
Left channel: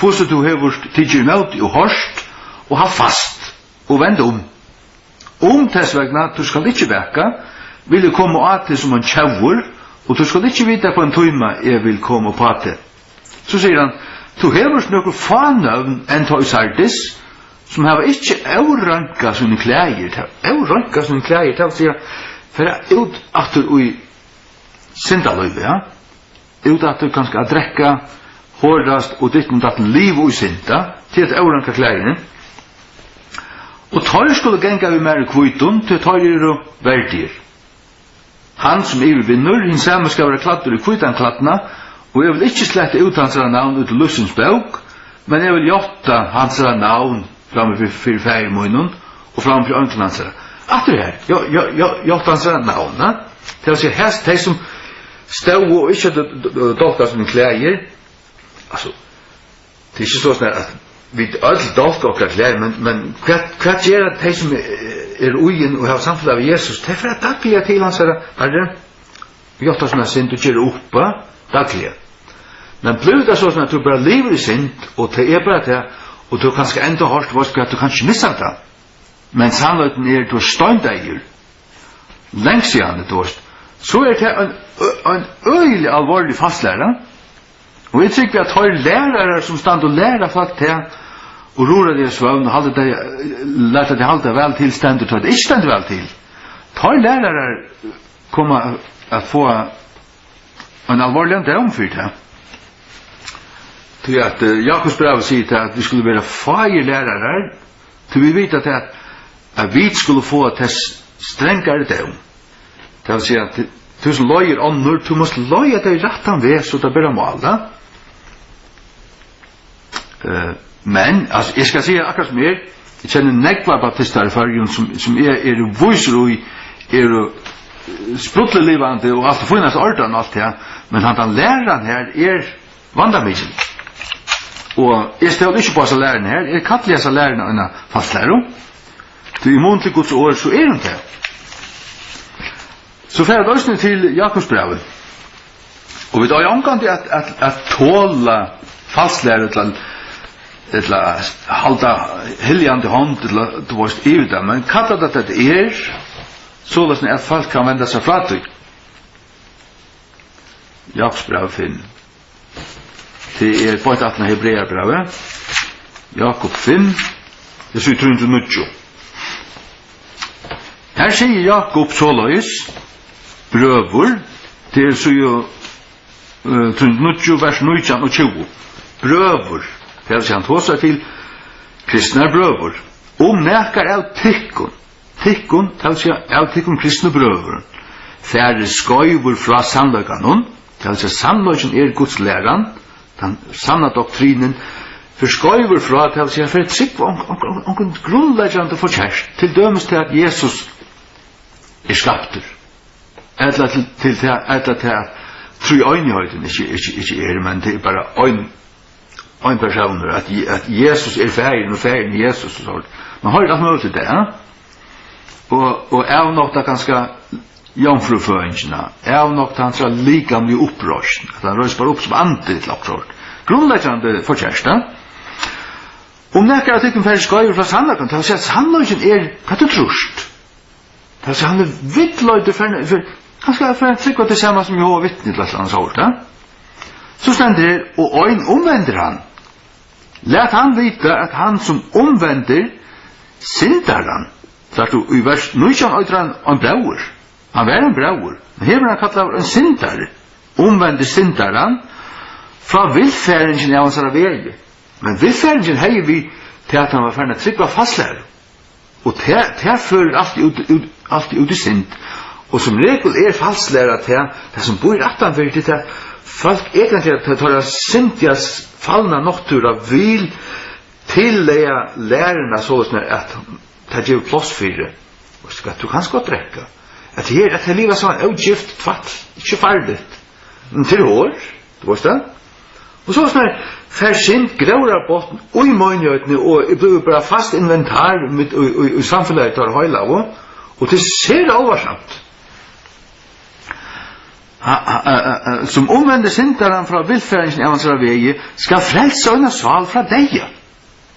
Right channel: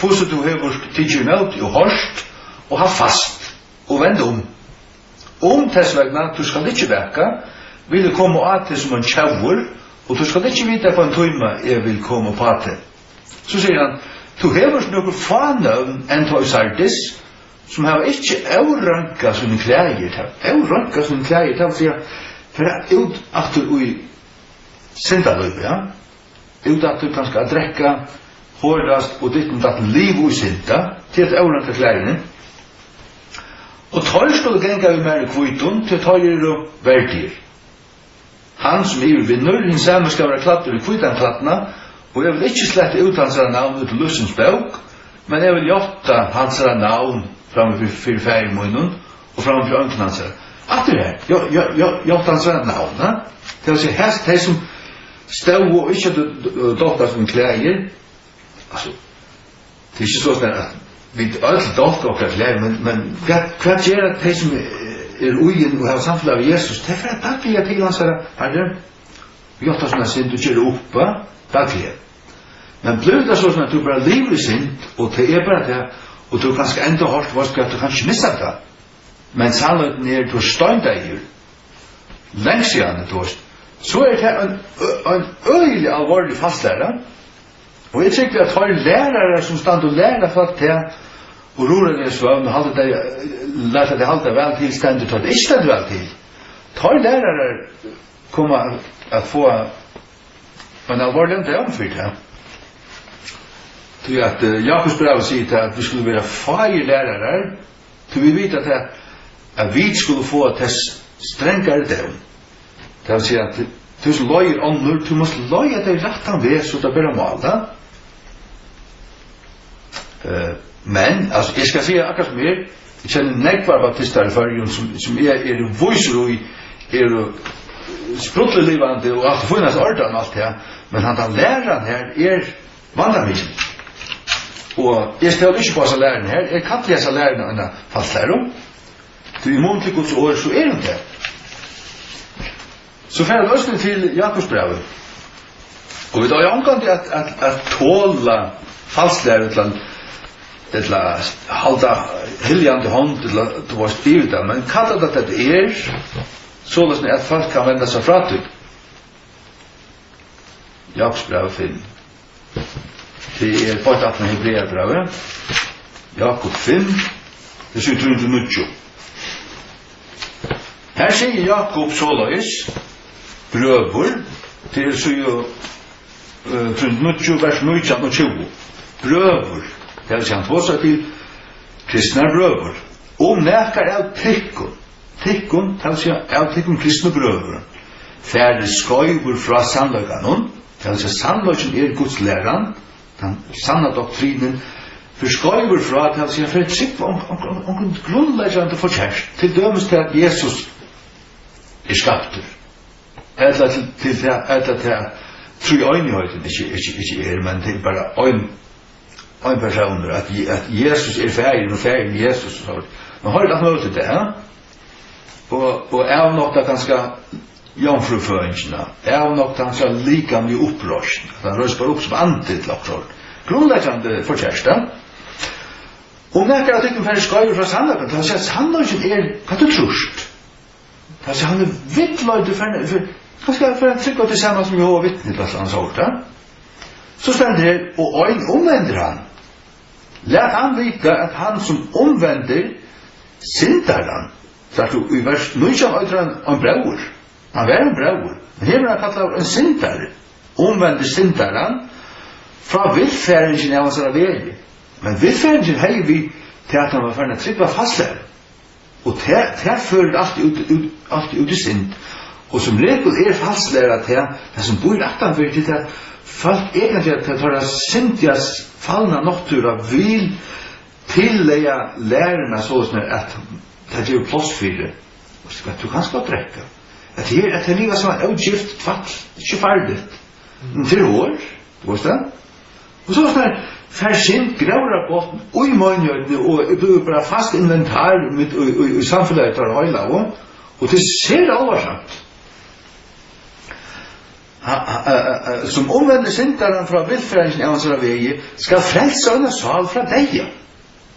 hvordan du har tidligere møte og hørst, og ha fast, og vende om. Tessvegna, du skal ikke veka, vil du komme av til som en tjauer, og du skal ikke vite på en tøyma jeg vil komme på til. Så sier han, du hever noen fanøvn enn tøy Sardis, som har ikke avranka sånne klæger. Avranka sånne klæger, det vil si for ut at du i syndaløyve, ja? Ut at du kanskje a drekka, hårdast og ditt og datt liv og i synda, til at avranka klægene. Og tøy skulle genga vi mer kvitton, til tøy er og verdier. Han som er vinner, hins samme skal være klattur i kvitanklatna, og jeg vil ikke slette ut hans navn ut i Lussens bøk, men jeg vil jotta hans navn framme for færgemunnen, og framme for ønklen hans. Atter her, jotta hans navn, det vil si, helst de som stod og ikke dolka som klæger, altså, det er ikke sånn at vi ødel dolka okra klæger, men hva gjør de som er ugen og har samfunnet av Jesus, det er for at dagliga til hans herre, jotta sånn at synd du gjør oppa, dagliga. Men blir det sånn at du bare lever i synd, og det er bare det, og du kanskje enda hørt at du kan ikke missa det, men sannheten er du er støyndeier, lengst igjen, så er det en øyelig alvorlig fastlære, og jeg tror at har lærere som stand og lærer folk til, og roer det i svøvn, og lærte det halte vel til stendet, og det ikke stendet vel til. Tar lærere kommer at få en alvorlig omfyrt her. Til at Jakobs brev sier at vi skulle være fire lærere, til vi vet at vi skulle få et strengere døm. Det vil si at du som løyer ånder, du måste løye deg rettan ved, så det blir mål. Men, altså, jeg skal si akkurat som jeg kjenner negvar baptister i fargen som er viser og er sprutlelivande og alt finnes ordan og alt det, men han læreren her er vandamisen. Og jeg stedet ikke på disse lærerne her, jeg kan ikke lese lærerne enn fastlærer. Til i mån til Guds år, så er han det. Så fer løsning til Jakobsbrevet. Og vi tar jo omgang til at tåla falsklærer til å halda hiljande hånd til å være stivet, men kallar det at det er så løsning at folk kan vende seg fra til. Jakobs brev 5. Det bara att när Hebreerbrevet. Jakob 5. Det så tror inte mycket. Här säger Jakob således bröver det så ju vers 19 och 20. Bröver. Det vill säga han tåsar till kristna bröver. Näkar av tikkun, det vill säga av tikkun kristna bröver. Färre skojur fra sannlökanon, det vill säga sannlöken Guds läran, den sanna doktrinen, för skojur fra, det vill säga för ett sikt om grundläggande förtjärst, till dömes till att Jesus skapter. Eller till att tro i öjnigheten, inte men till bara en person, att Jesus färgen och färgen Jesus och så. Man har ju att möta det, och är något ganska jomfruföringarna, är något ganska lika med upprörsen, att han röstar upp som antitt också. Grundläggande förtjärsta. Och när jag tycker färdig ska ju från sannlagen, det vill säga att sannlagen katatrust. Det vill säga han vittlöjde för han ska för en tryck till samma som jag har vittnat till hans ord. Så ständer det, och ögon omvänder han. Lät han vita att han som omvänder syndar han. Så att i vers 19 öder han en bror. Han var en bror. Här han kallar en syndare. Omvänder syndar han. Fra villfäringen av hans väg. Men villfäringen har vi till att han var färdig att trycka fastlära. Och det för alltid ut i synd. Och som regel fastlära till det som bor i rättan för det att folk egentligen tar syndigas fallna natura vill tillägga lärarna så att det ger plats för det. Och du kan skott räcka. Att det livet som en utgift tvatt, inte färdigt. Till år, du vet det? Och så där försynt grävrar botten och i möjligheten och det blir bara fast inventar med i samhället tar hela och det ser allvarsamt. Som omvänder syndaren från villfäringen av hans väg ska frälsa en sal från dig.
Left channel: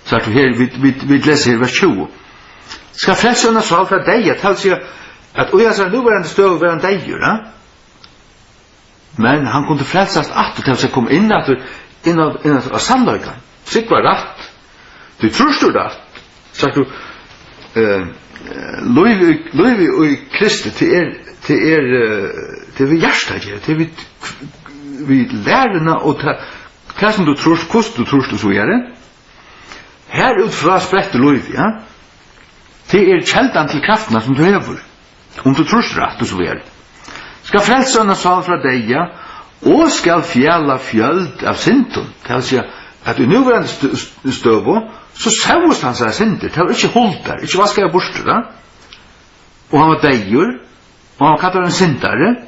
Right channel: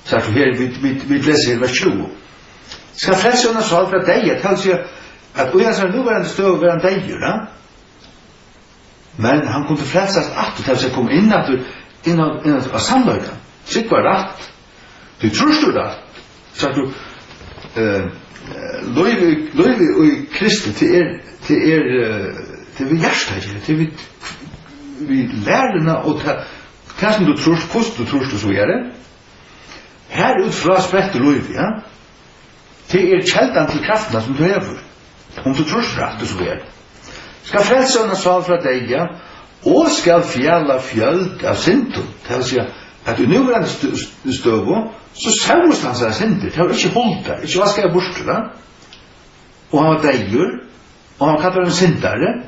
Så att vi läser i vers 20. Ska frälsa en sal från dig. Det vill säga att oja så nu var en stöv var en dig. Men han kunde frälsas att det vill säga komma in av sannlöjkan. Sitt var rätt. Du tror du det. Så att du löjvi och Kristi till vi hjärsta till vi lärarna och det som du tror, kost du tror så är det. Här utfra sprätter löjvi, ja. Det kältan till krafterna som du lever. Om du tror rätt och så är det. Ska frälsarna sal från dig, ja. Och ska fjälla fjöld av synden. Det vill säga att i nuvarande stövo så sämst han sig synder. Det var inte hållt där, inte vad ska jag borsta. Och han var dejur. Och han kallar en syndare.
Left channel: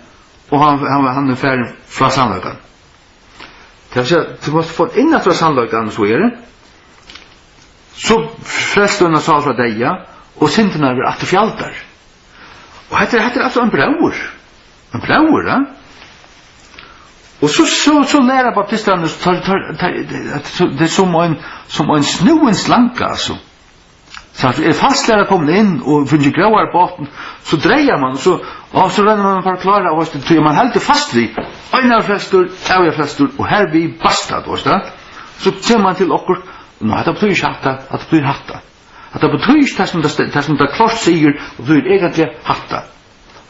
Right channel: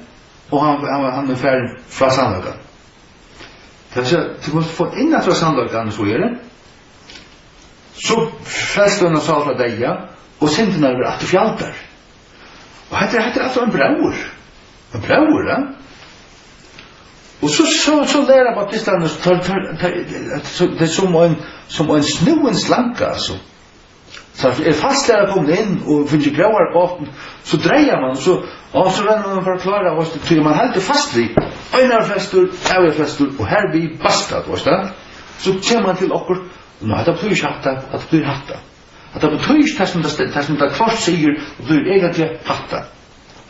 Och han är färdig från sannlökan. Det vill säga att du måste få innan från sannlökan så är det. Så frälsarna sal från dig, ja. Och synderna är att du fjältar. Och det är alltså en bror. En bror, ja. Och så lära baptisterna det är som en snuen slanka alltså. Så att fastlära kommer in och finner gråar på botten så drejer man så renner man för att klara och så man håller fast vid ena flästor, övriga flästor och här blir bastat och så ser man till okkur nu att det betyder hatta att det blir hatta. Att det betyder det som det klart säger och blir egentligen hatta.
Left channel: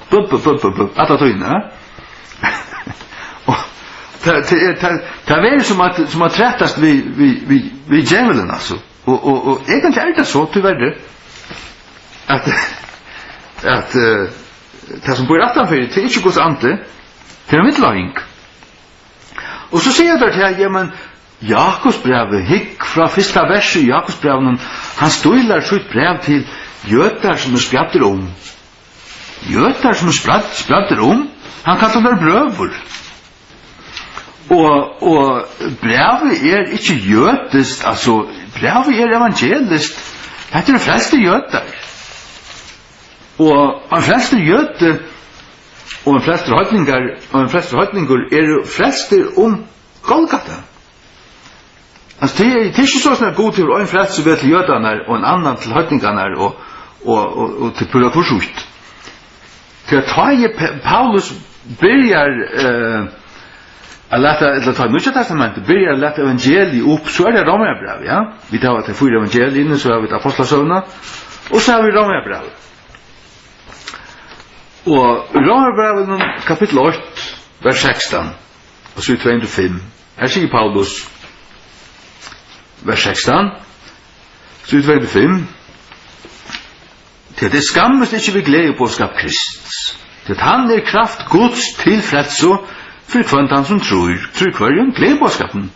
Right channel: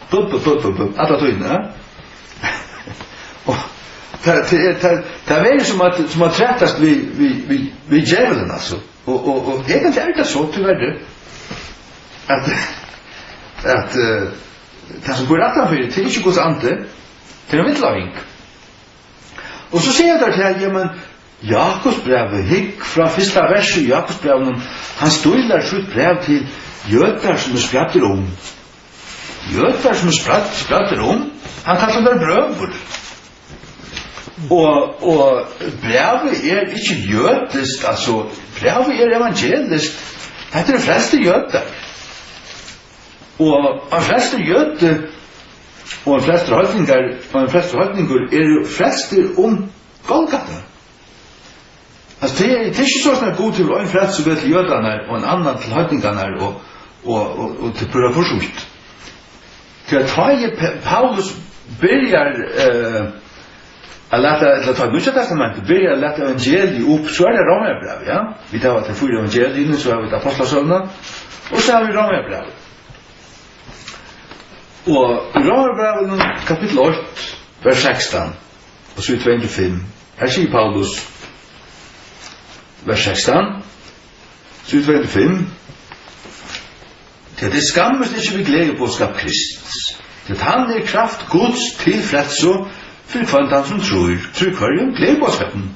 Bup att det tyder. Och det är som att trättas vid djävulen alltså. Och egentligen är det så tyvärr att det som bor rattan för det är inte Guds ante till en mittlaging. Och så säger jag där till men Jakobs brev hick från första versen i Jakobs brev han stoilar sitt brev till jötar som spjattar om. Jötar som spjattar om han kallar det bröver. Och brevet inte jötiskt, alltså brevet evangeliskt. Det de flesta jötar. Och de flesta jöter och de flesta höjtningar frälster om Golgata. Alltså det är inte så sådana god till en frälst som till jötarna och en annan till höjtningarna och till pura försjukt. Till att Paulus börjar att låta ta Nya testamentet börja lätta evangeliet upp så är det Romarbrevet, ja. Vi tar att det fyra evangelierna så har vi apostlasönerna och så har vi Romarbrevet. Och Romarbrevet kapitel 8 vers 16 och så 25. Här säger Paulus vers 16 så 25. Till det skammes inte vi glädje på skap Kristus. Till han är kraft Guds till frälso för kvantan som tror kvarjen glädjeboskapen.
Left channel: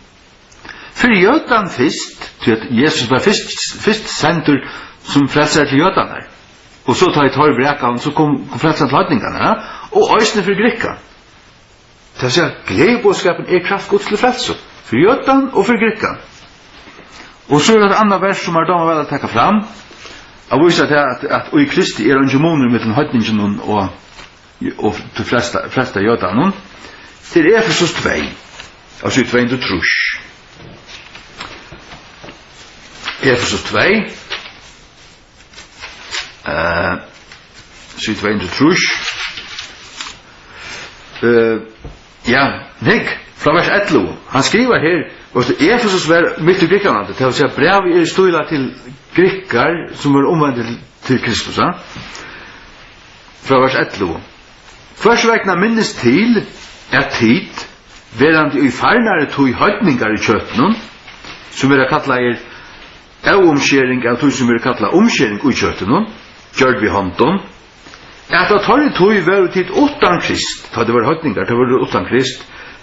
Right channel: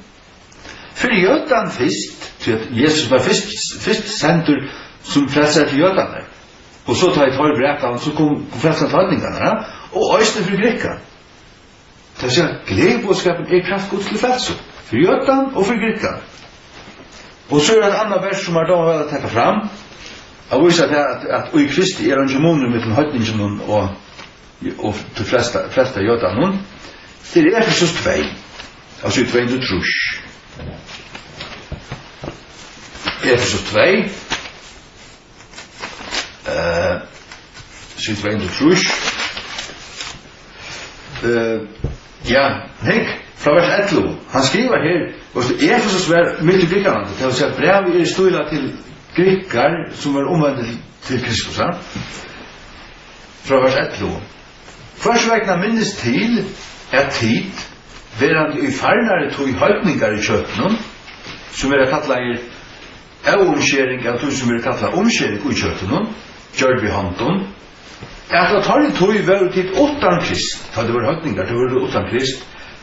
För jötan först, till att Jesus var först center som frälsar till jötan där. Och så tar ett bräkan så kom frälsar till höjningarna och ösne för grekan. Det vill säga glädjeboskapen är kraft Guds till frälso för jötan och för grekan. Och så är det andra vers som då väl att ta fram. Jag visar det att i Kristi är en gemoner med den höjningen och till flesta jötan. Till Efesus 2, alltså 2 till trus. Efesus 2, så 2 till trus. Ja, Nick, från vers 11, han skriver här, och Efesus var mitt i Grekland, det vill säga brev är stila till grekar som var omvända till Kristus. Från vers 11. Försvägna minnes till tid, verand i farnare tog höjtningar i köttenen, som är kallar omskjering av tog som är kallar omskjering i köttenen, gjør vi hånden, at tar tog var tid åttan Krist, da det var høytningar, det var åttan Krist,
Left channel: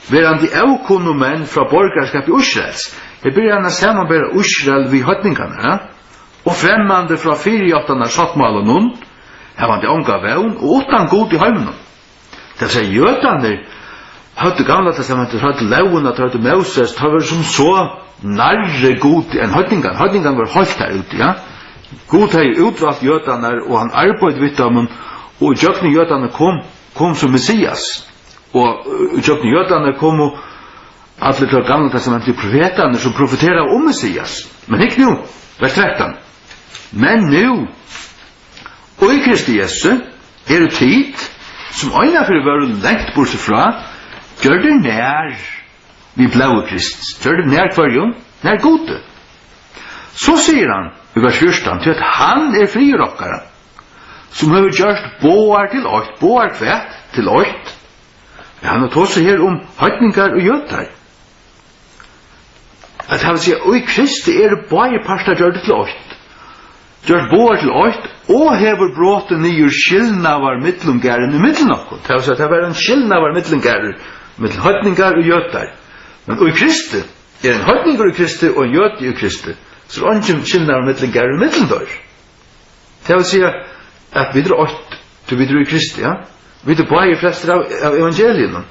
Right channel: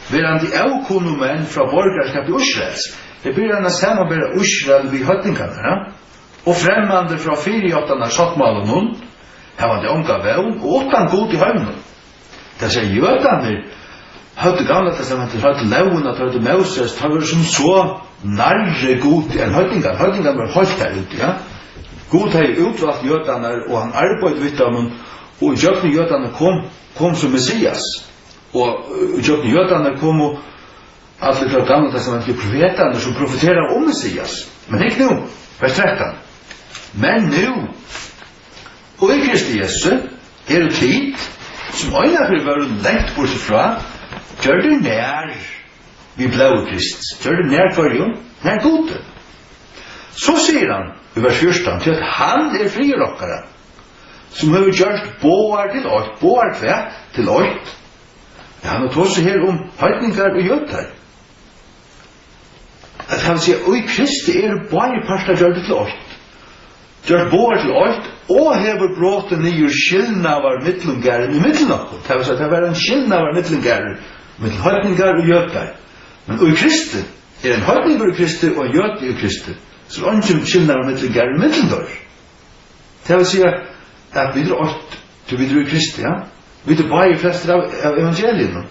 verand i avkonomen fra borgerskap i Israels. Det blir gjerne samarbeid Israel vid høytningarna, og fremmande fra 48 sattmalen, her var det omgav og åttan god i høymen. Det sier jødene, hadde gamla testamentet, hadde launa, hadde Moses, det var som så nærre god enn høytningan. Høytningan var høyt der ute, ja. God har utvalgt jødene, og han arbeid vidt dem, og jødene jødene kom som Messias. Og jødene jødene kom og alle fra gamla testamentet profetene som profeterer om Messias. Men ikke nå, vers 13. Men nå, og i Kristi Jesu, er det tid, som øyne for å være lengt bortsett fra, gjør det nær vi blå Kristus. Gjør det nær for jo, nær gode. Så sier han i vers 14 til at han er frirokkere, som har gjort båar til åkt, båar kvett til åkt. Ja, han har tått seg her om høytningar og jøtar. At han sier, og i Kristi er det bare parter gjør det til åkt. Gjør båar til åkt, og hever bråten nyer skillnavar mittlungæren i mittlen okkur. Det vil si at det var en skillnavar mittlungæren mittel høytningar og jøtar. Men og i Kristi er en høytningar i Kristi og en jøt i Kristi. Så er det ikke skillnavar mittlungæren i mittlen dør. Det vil si at vi drar åkt til vi drar i Kristi, ja. Vi drar bare i fleste av evangelien.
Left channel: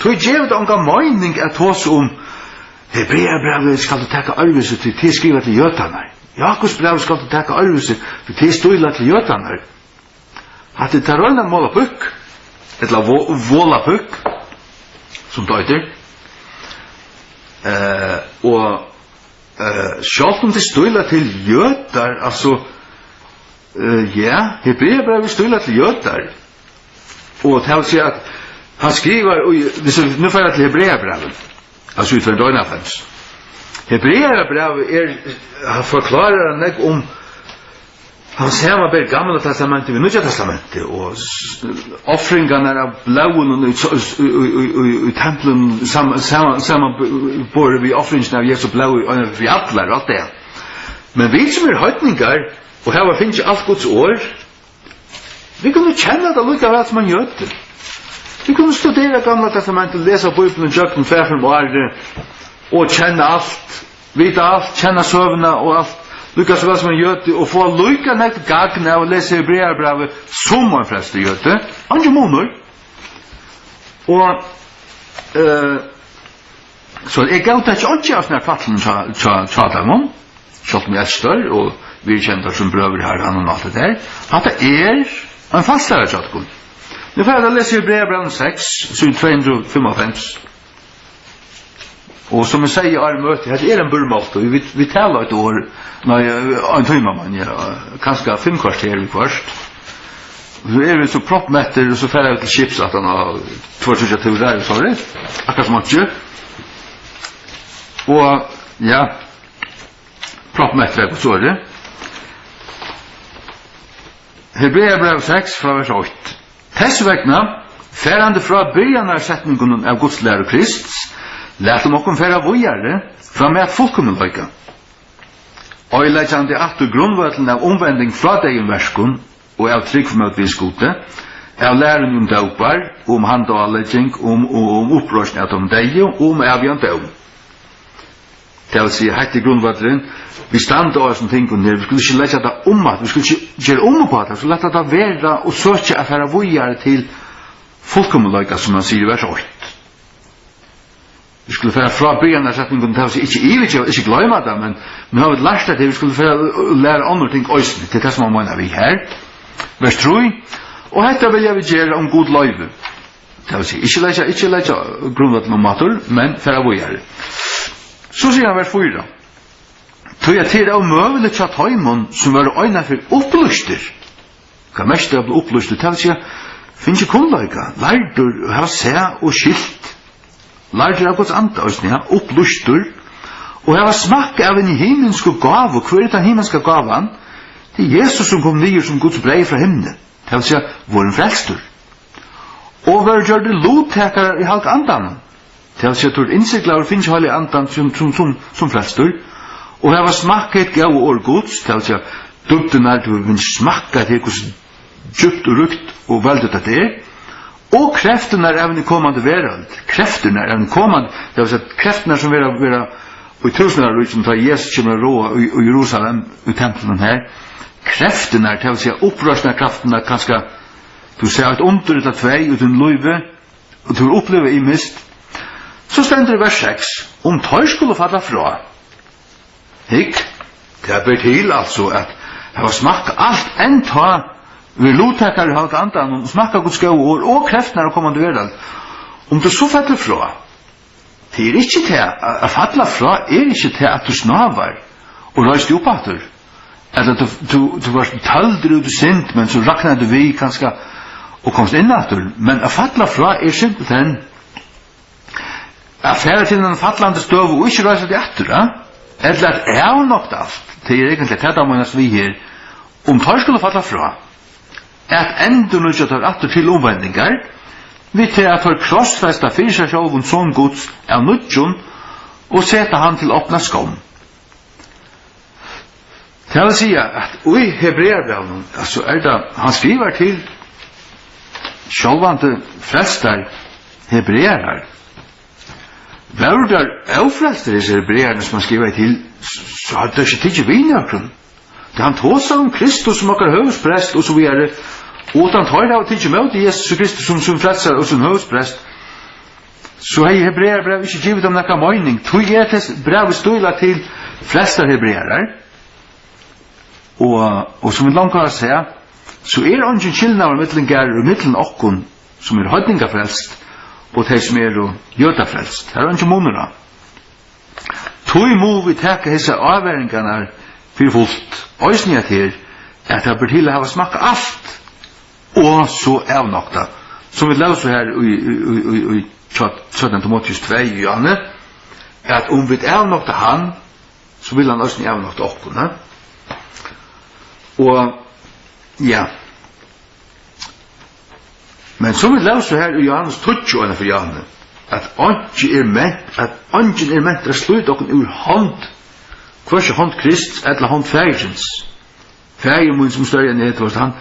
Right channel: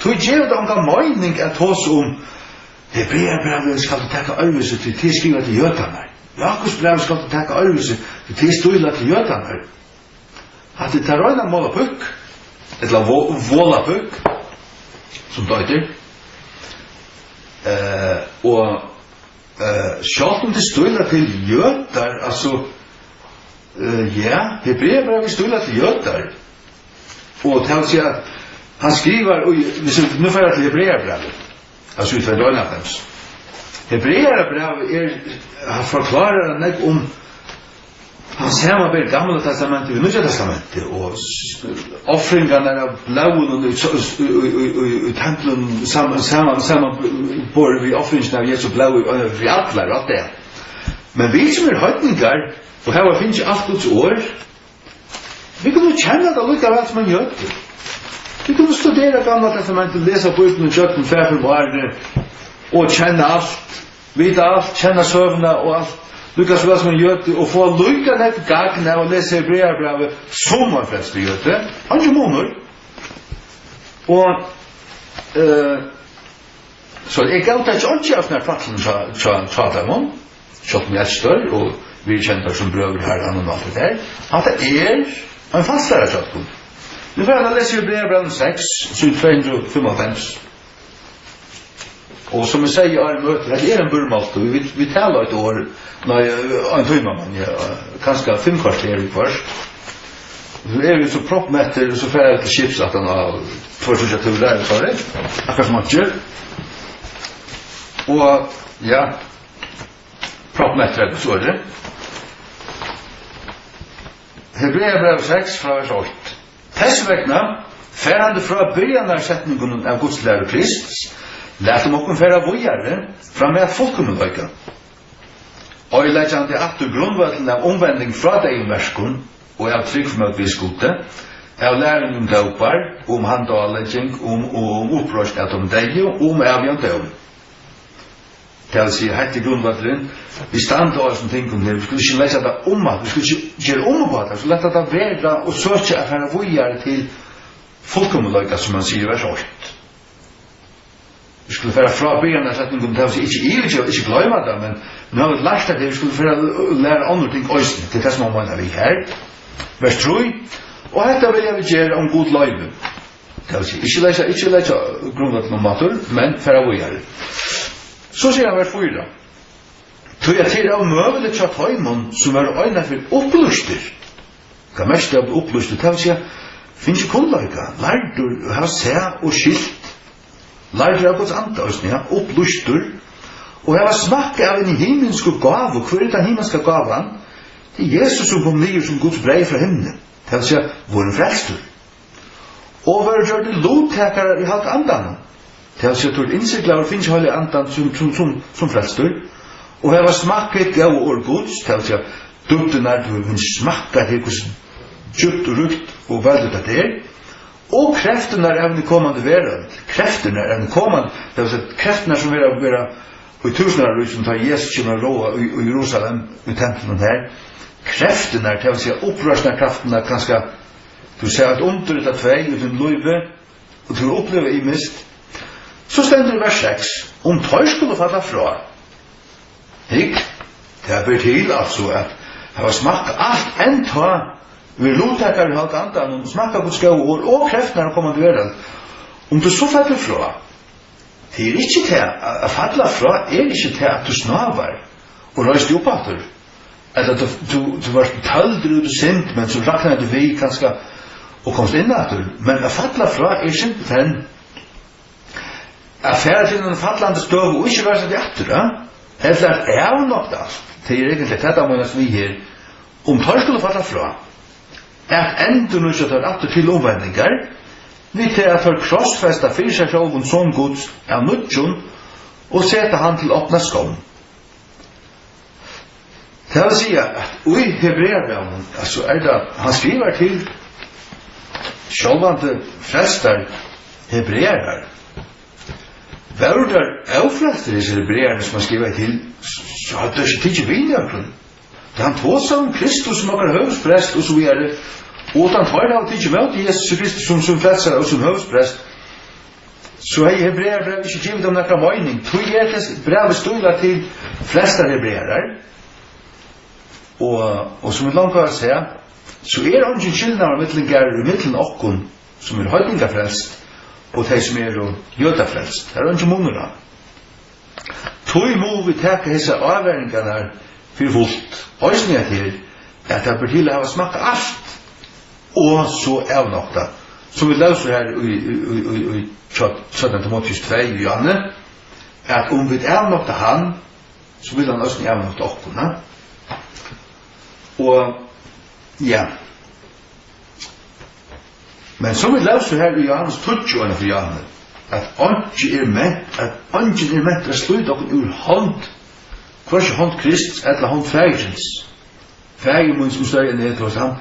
Så i djevet omgang mening at hos om Hebreerbrevet skal du takke arvelse til skriva til jøtarna. Jakobs brev skal du takke arvelse til støyla til jøtarna. At det tar øyne måla pukk, eller våla pukk, som døyter, og sjalt om det støyla til jøtar, altså, ja, Hebreerbrevet støyla til jøtar, og det vil si at han skriver, nu får jeg til Hebreerbrevet, altså utfra døgnafens. Hebreerbrevet han forklarer han ikke om han samarbeid gamla testamentet med Nya testamentet, og offringarna av blauen i templen sammanbord vi offringarna av Jesu blau vi atlar og alt det. Men vi som er høytningar, og her finnes alt Guds år, vi kan jo kjenne det likevel som man gjør det. Vi kan studera gamla testamentet, lesa Bibelen, kjøkken, færen og arre, og kjenne alt, vite alt, kjenne søvna og alt, lykkes vel som man gjør det, og få lykka nett gagna og lese Hebreerbrevet som man fleste gjør det, andre måneder. Og så jeg gav det ikke av sånne fattelen tjadamon, selv om jeg er større, og vi kjenter som brøver her, han og alt det der, at det en fastlærer tjadamon. Nu får jeg lese Hebreerbrevet 6, 255. Og som jeg sier i armøte, det en burmålte, vi taler et år, en tøyma man, kanskje 5 kvarter vi først. så vi så proppmätter och så färre vi till chips att han har 2-3 turer, sorry. Akkurat som inte. Och ja, proppmätter så är det. Hebreerbrev 6 från vers 8. Tessvekna, färande från början av sättningen av Guds lära Krist, lät dem också färra vojare från med fullkommenlöjka. Øylegjande aftur grunnvøtlen av omvending fra deg verskun og av trygg for møt viskote, av læren om døpar, om handalegging, om opprørsning av deg, om avgjant døm. Det vil si, hette grunnvøtlen, vi standa av som ting vi skulle ikke legge det om at, vi skulle ikke gjøre på det, vi skulle lette det være og søke at være vujere til fullkommenløyga, som man sier i vers 8. Vi skulle færa fra byggarna setningen til å si ikke gløyma det, men vi har lært det, vi skulle færa lære andre ting òsne, til det som man mener vi her. Vers 3, og hetta vilja vi gjøre om god løyve. Det vil si, ikke leggja grunnvatten om matur, men færa vujere. Så sier han vers 4. Tog jeg til av møvelig tja tøymon som var øyne for opplyster. Hva mest av opplyster, det vil si, finnes ikke kunnløyga, lærdur, ha se og skilt. Lærdur av Guds ande, ja, opplustur, og hava smakka av en himmelsk gav, og hver er den himmelska gavan? Det er Jesus som kom nyer som Guds brei fra himmelen, det vil si, våren frelstur. Og hver gjør det lovtekare i halk andan, det vil si, at innsiklar og finnes halk andan som frelstur, og hava smakka et gav og Guds, det vil si, dubden er du vil smakka til hvordan djupt og rukt og veldet det er, og kreftene er evne kommande verand. Kreftene er evne kommande, det vil si at kreftene som vera i tusenar ut som tar Jesus kommer råa i Jerusalem, i tempelen her, kreftene er, det vil si at opprørsene kreftene er ganske, du ser et under ut av tvei, ut en løyve, og du opplever i mist. Så stender det vers 6, om tøy skulle falla fra. Hikk, det er bedt til altså at det var smakka alt enn ta vi lovtekar i halk andan og smakka Guds gode ord og kreftene er kommande verden. Om du så faller fra, det er ikke til å falla fra er ikke til at du snavar og røyst opp atter. Eller du var tølder og du sint, men så raknar du vi kanskje og komst inn atter. Men å falla fra er simpelthen å fære til en fallande støv og ikke røyst det atter. Eller er nok alt. Det er egentlig det da måneds vi her. Om tar skulle falla fra, at enda nu ikke tar atter til omvendingar, vi til at for krossfesta fyrir seg sjálfun som Guds av nudjon, og seta han til åpna skån. Det vil si at i Hebreerbrevet, altså det, han skriver til sjálvande frelstar hebreerar. Vardar avfrelstar disse hebrearne som han skriver til, så hadde det ikke tidlig vinjøkken. Det han tåsa om Kristus som akkar høvesprest og så videre, og han tar av tidlig med Jesus Kristus som frelsar og som høvesprest, så er Hebreerbrev ikke givet om nekka møyning. Tog er til brev støyla til flesta hebreerar, og som vi langt kan se, så er ungen skillnader mittlen gærer og mittlen okkon som er høydningafrelst, og de som er jødafrelst. Her er ungen monera. Tog må vi teka hese avværingarna fyrir fullt. Øysninga til at det bør til å hava smakka alt, og så avnokta. Så vi løser her i 17 Timotheus 2 i Johanne, at om vi avnokta han, så vil han også avnokta okkona. Og, ja. Men så vi løser her i Johannes 20 for Johanne, at ungen er ment å sluta okkon ur hånd, hversi hånd Krist, eller hånd fægjens. Fægjemun som større enn det, han,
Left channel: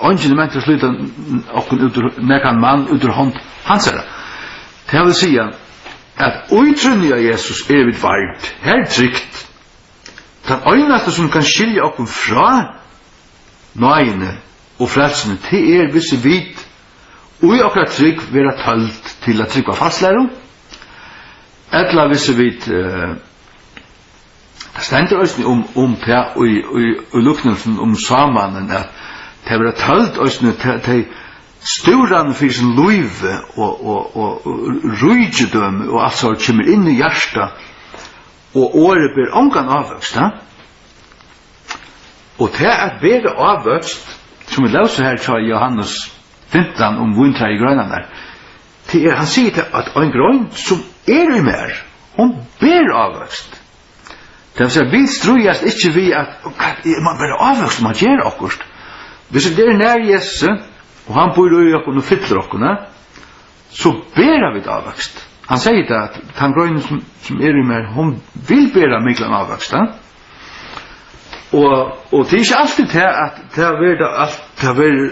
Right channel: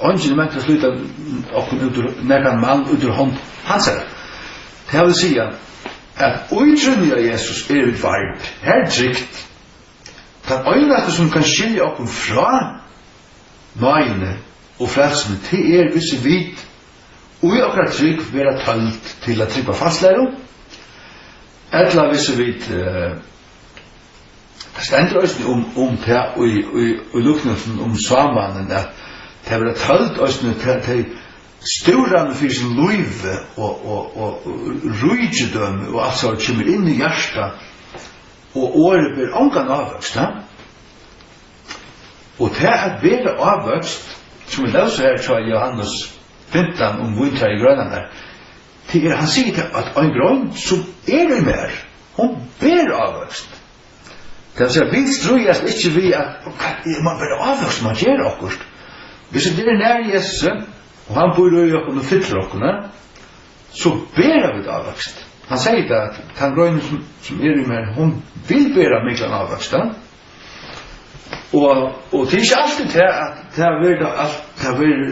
ungen er ment å sluta okkon nekkan mann ut ur hånd hans herre. Det vil si at utrunnig av Jesus er vi vart, her trygt. Den øynaste som kan skilja okkon fra nøyene og frelsene, det er visse vit, og i okkar trygg vera tølt til at trygg var fastlæro, eller visse vit det stendur òsni om det og luknelsen om samanen at det var tølt òsni til stauran fyrir sin luive og rujidøm og alt så kommer inn i hjärsta og året blir ongan avvøkst og det er bedre avvøkst som vi løser her fra Johannes 15 om vintrar i grønne der, til han sier at en grønn som i mer, hun ber avvøkst. Det vil si, vi strøyes ikke vi at man bare avvøkst, man gjør akkurat. Hvis det nær Jesus, og han bor i oss og fyller oss, så ber vi avvøkst. Han sier det at den grønne som i mer, hun vil bera myklan avvøkst. Og det ikke alltid til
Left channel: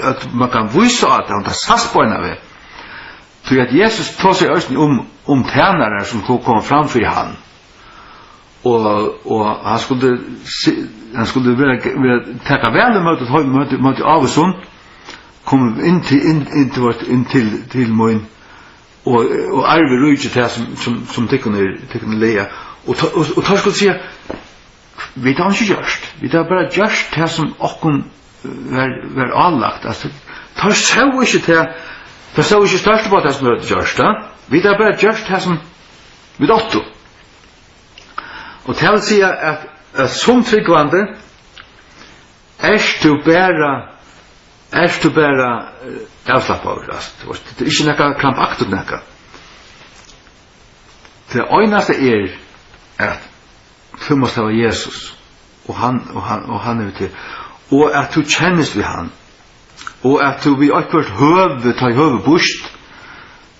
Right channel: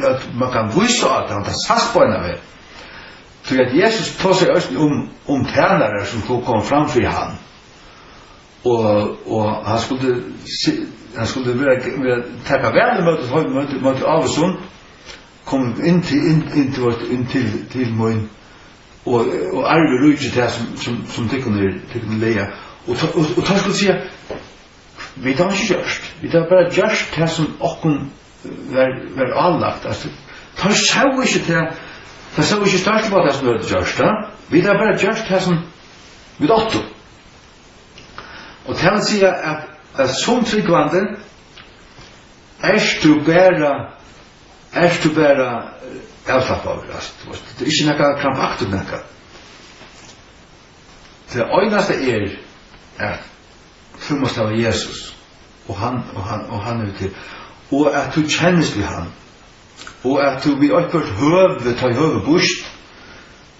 at man kan vise at han tar sastbøyna ved. Så at Jesus tar seg også om tænare som kom framfor han. Og han skulle taka vel møte av og sånn, kom inn til min, og arve rujtje til som tekkene leia. Og tar skulle si, vi har ikke gjørst. Vi har bare gjørst det som okken var anlagt. Tar så ikke til, det så ikke størst på det som vi har gjørst. Vi har bare gjørst det som vi åtto. Og det vil si at som tryggvande er du bare avslapp av det. Det er ikke noe krampaktet noe. Det øyneste at du måste ha Jesus och han är till och att du känns vid han och att du vid akkurat höve bort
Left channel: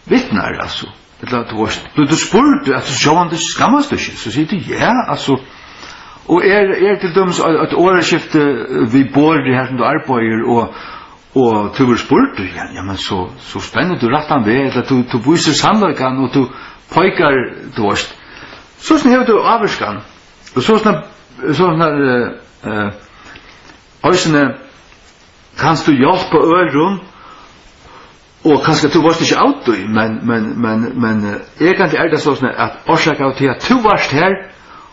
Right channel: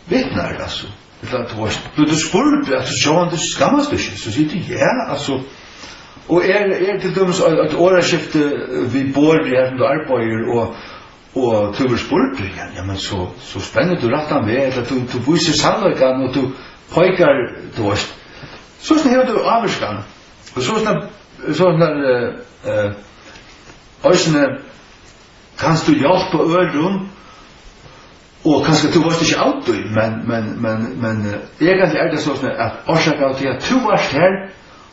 vittnar alltså du spurte att du sa det skammas du så säger du ja alltså och till döms att åraskifte vi bor det här du arbetar och du spurte ja men så spännande du rätt han vet att du visar sannolikan och du pojkar då så snäver du avskan. Og sånn øysene kanst du hjelpe øren og kanskje du varst ikke auto men egentlig det sånn at årsaker av til at du varst her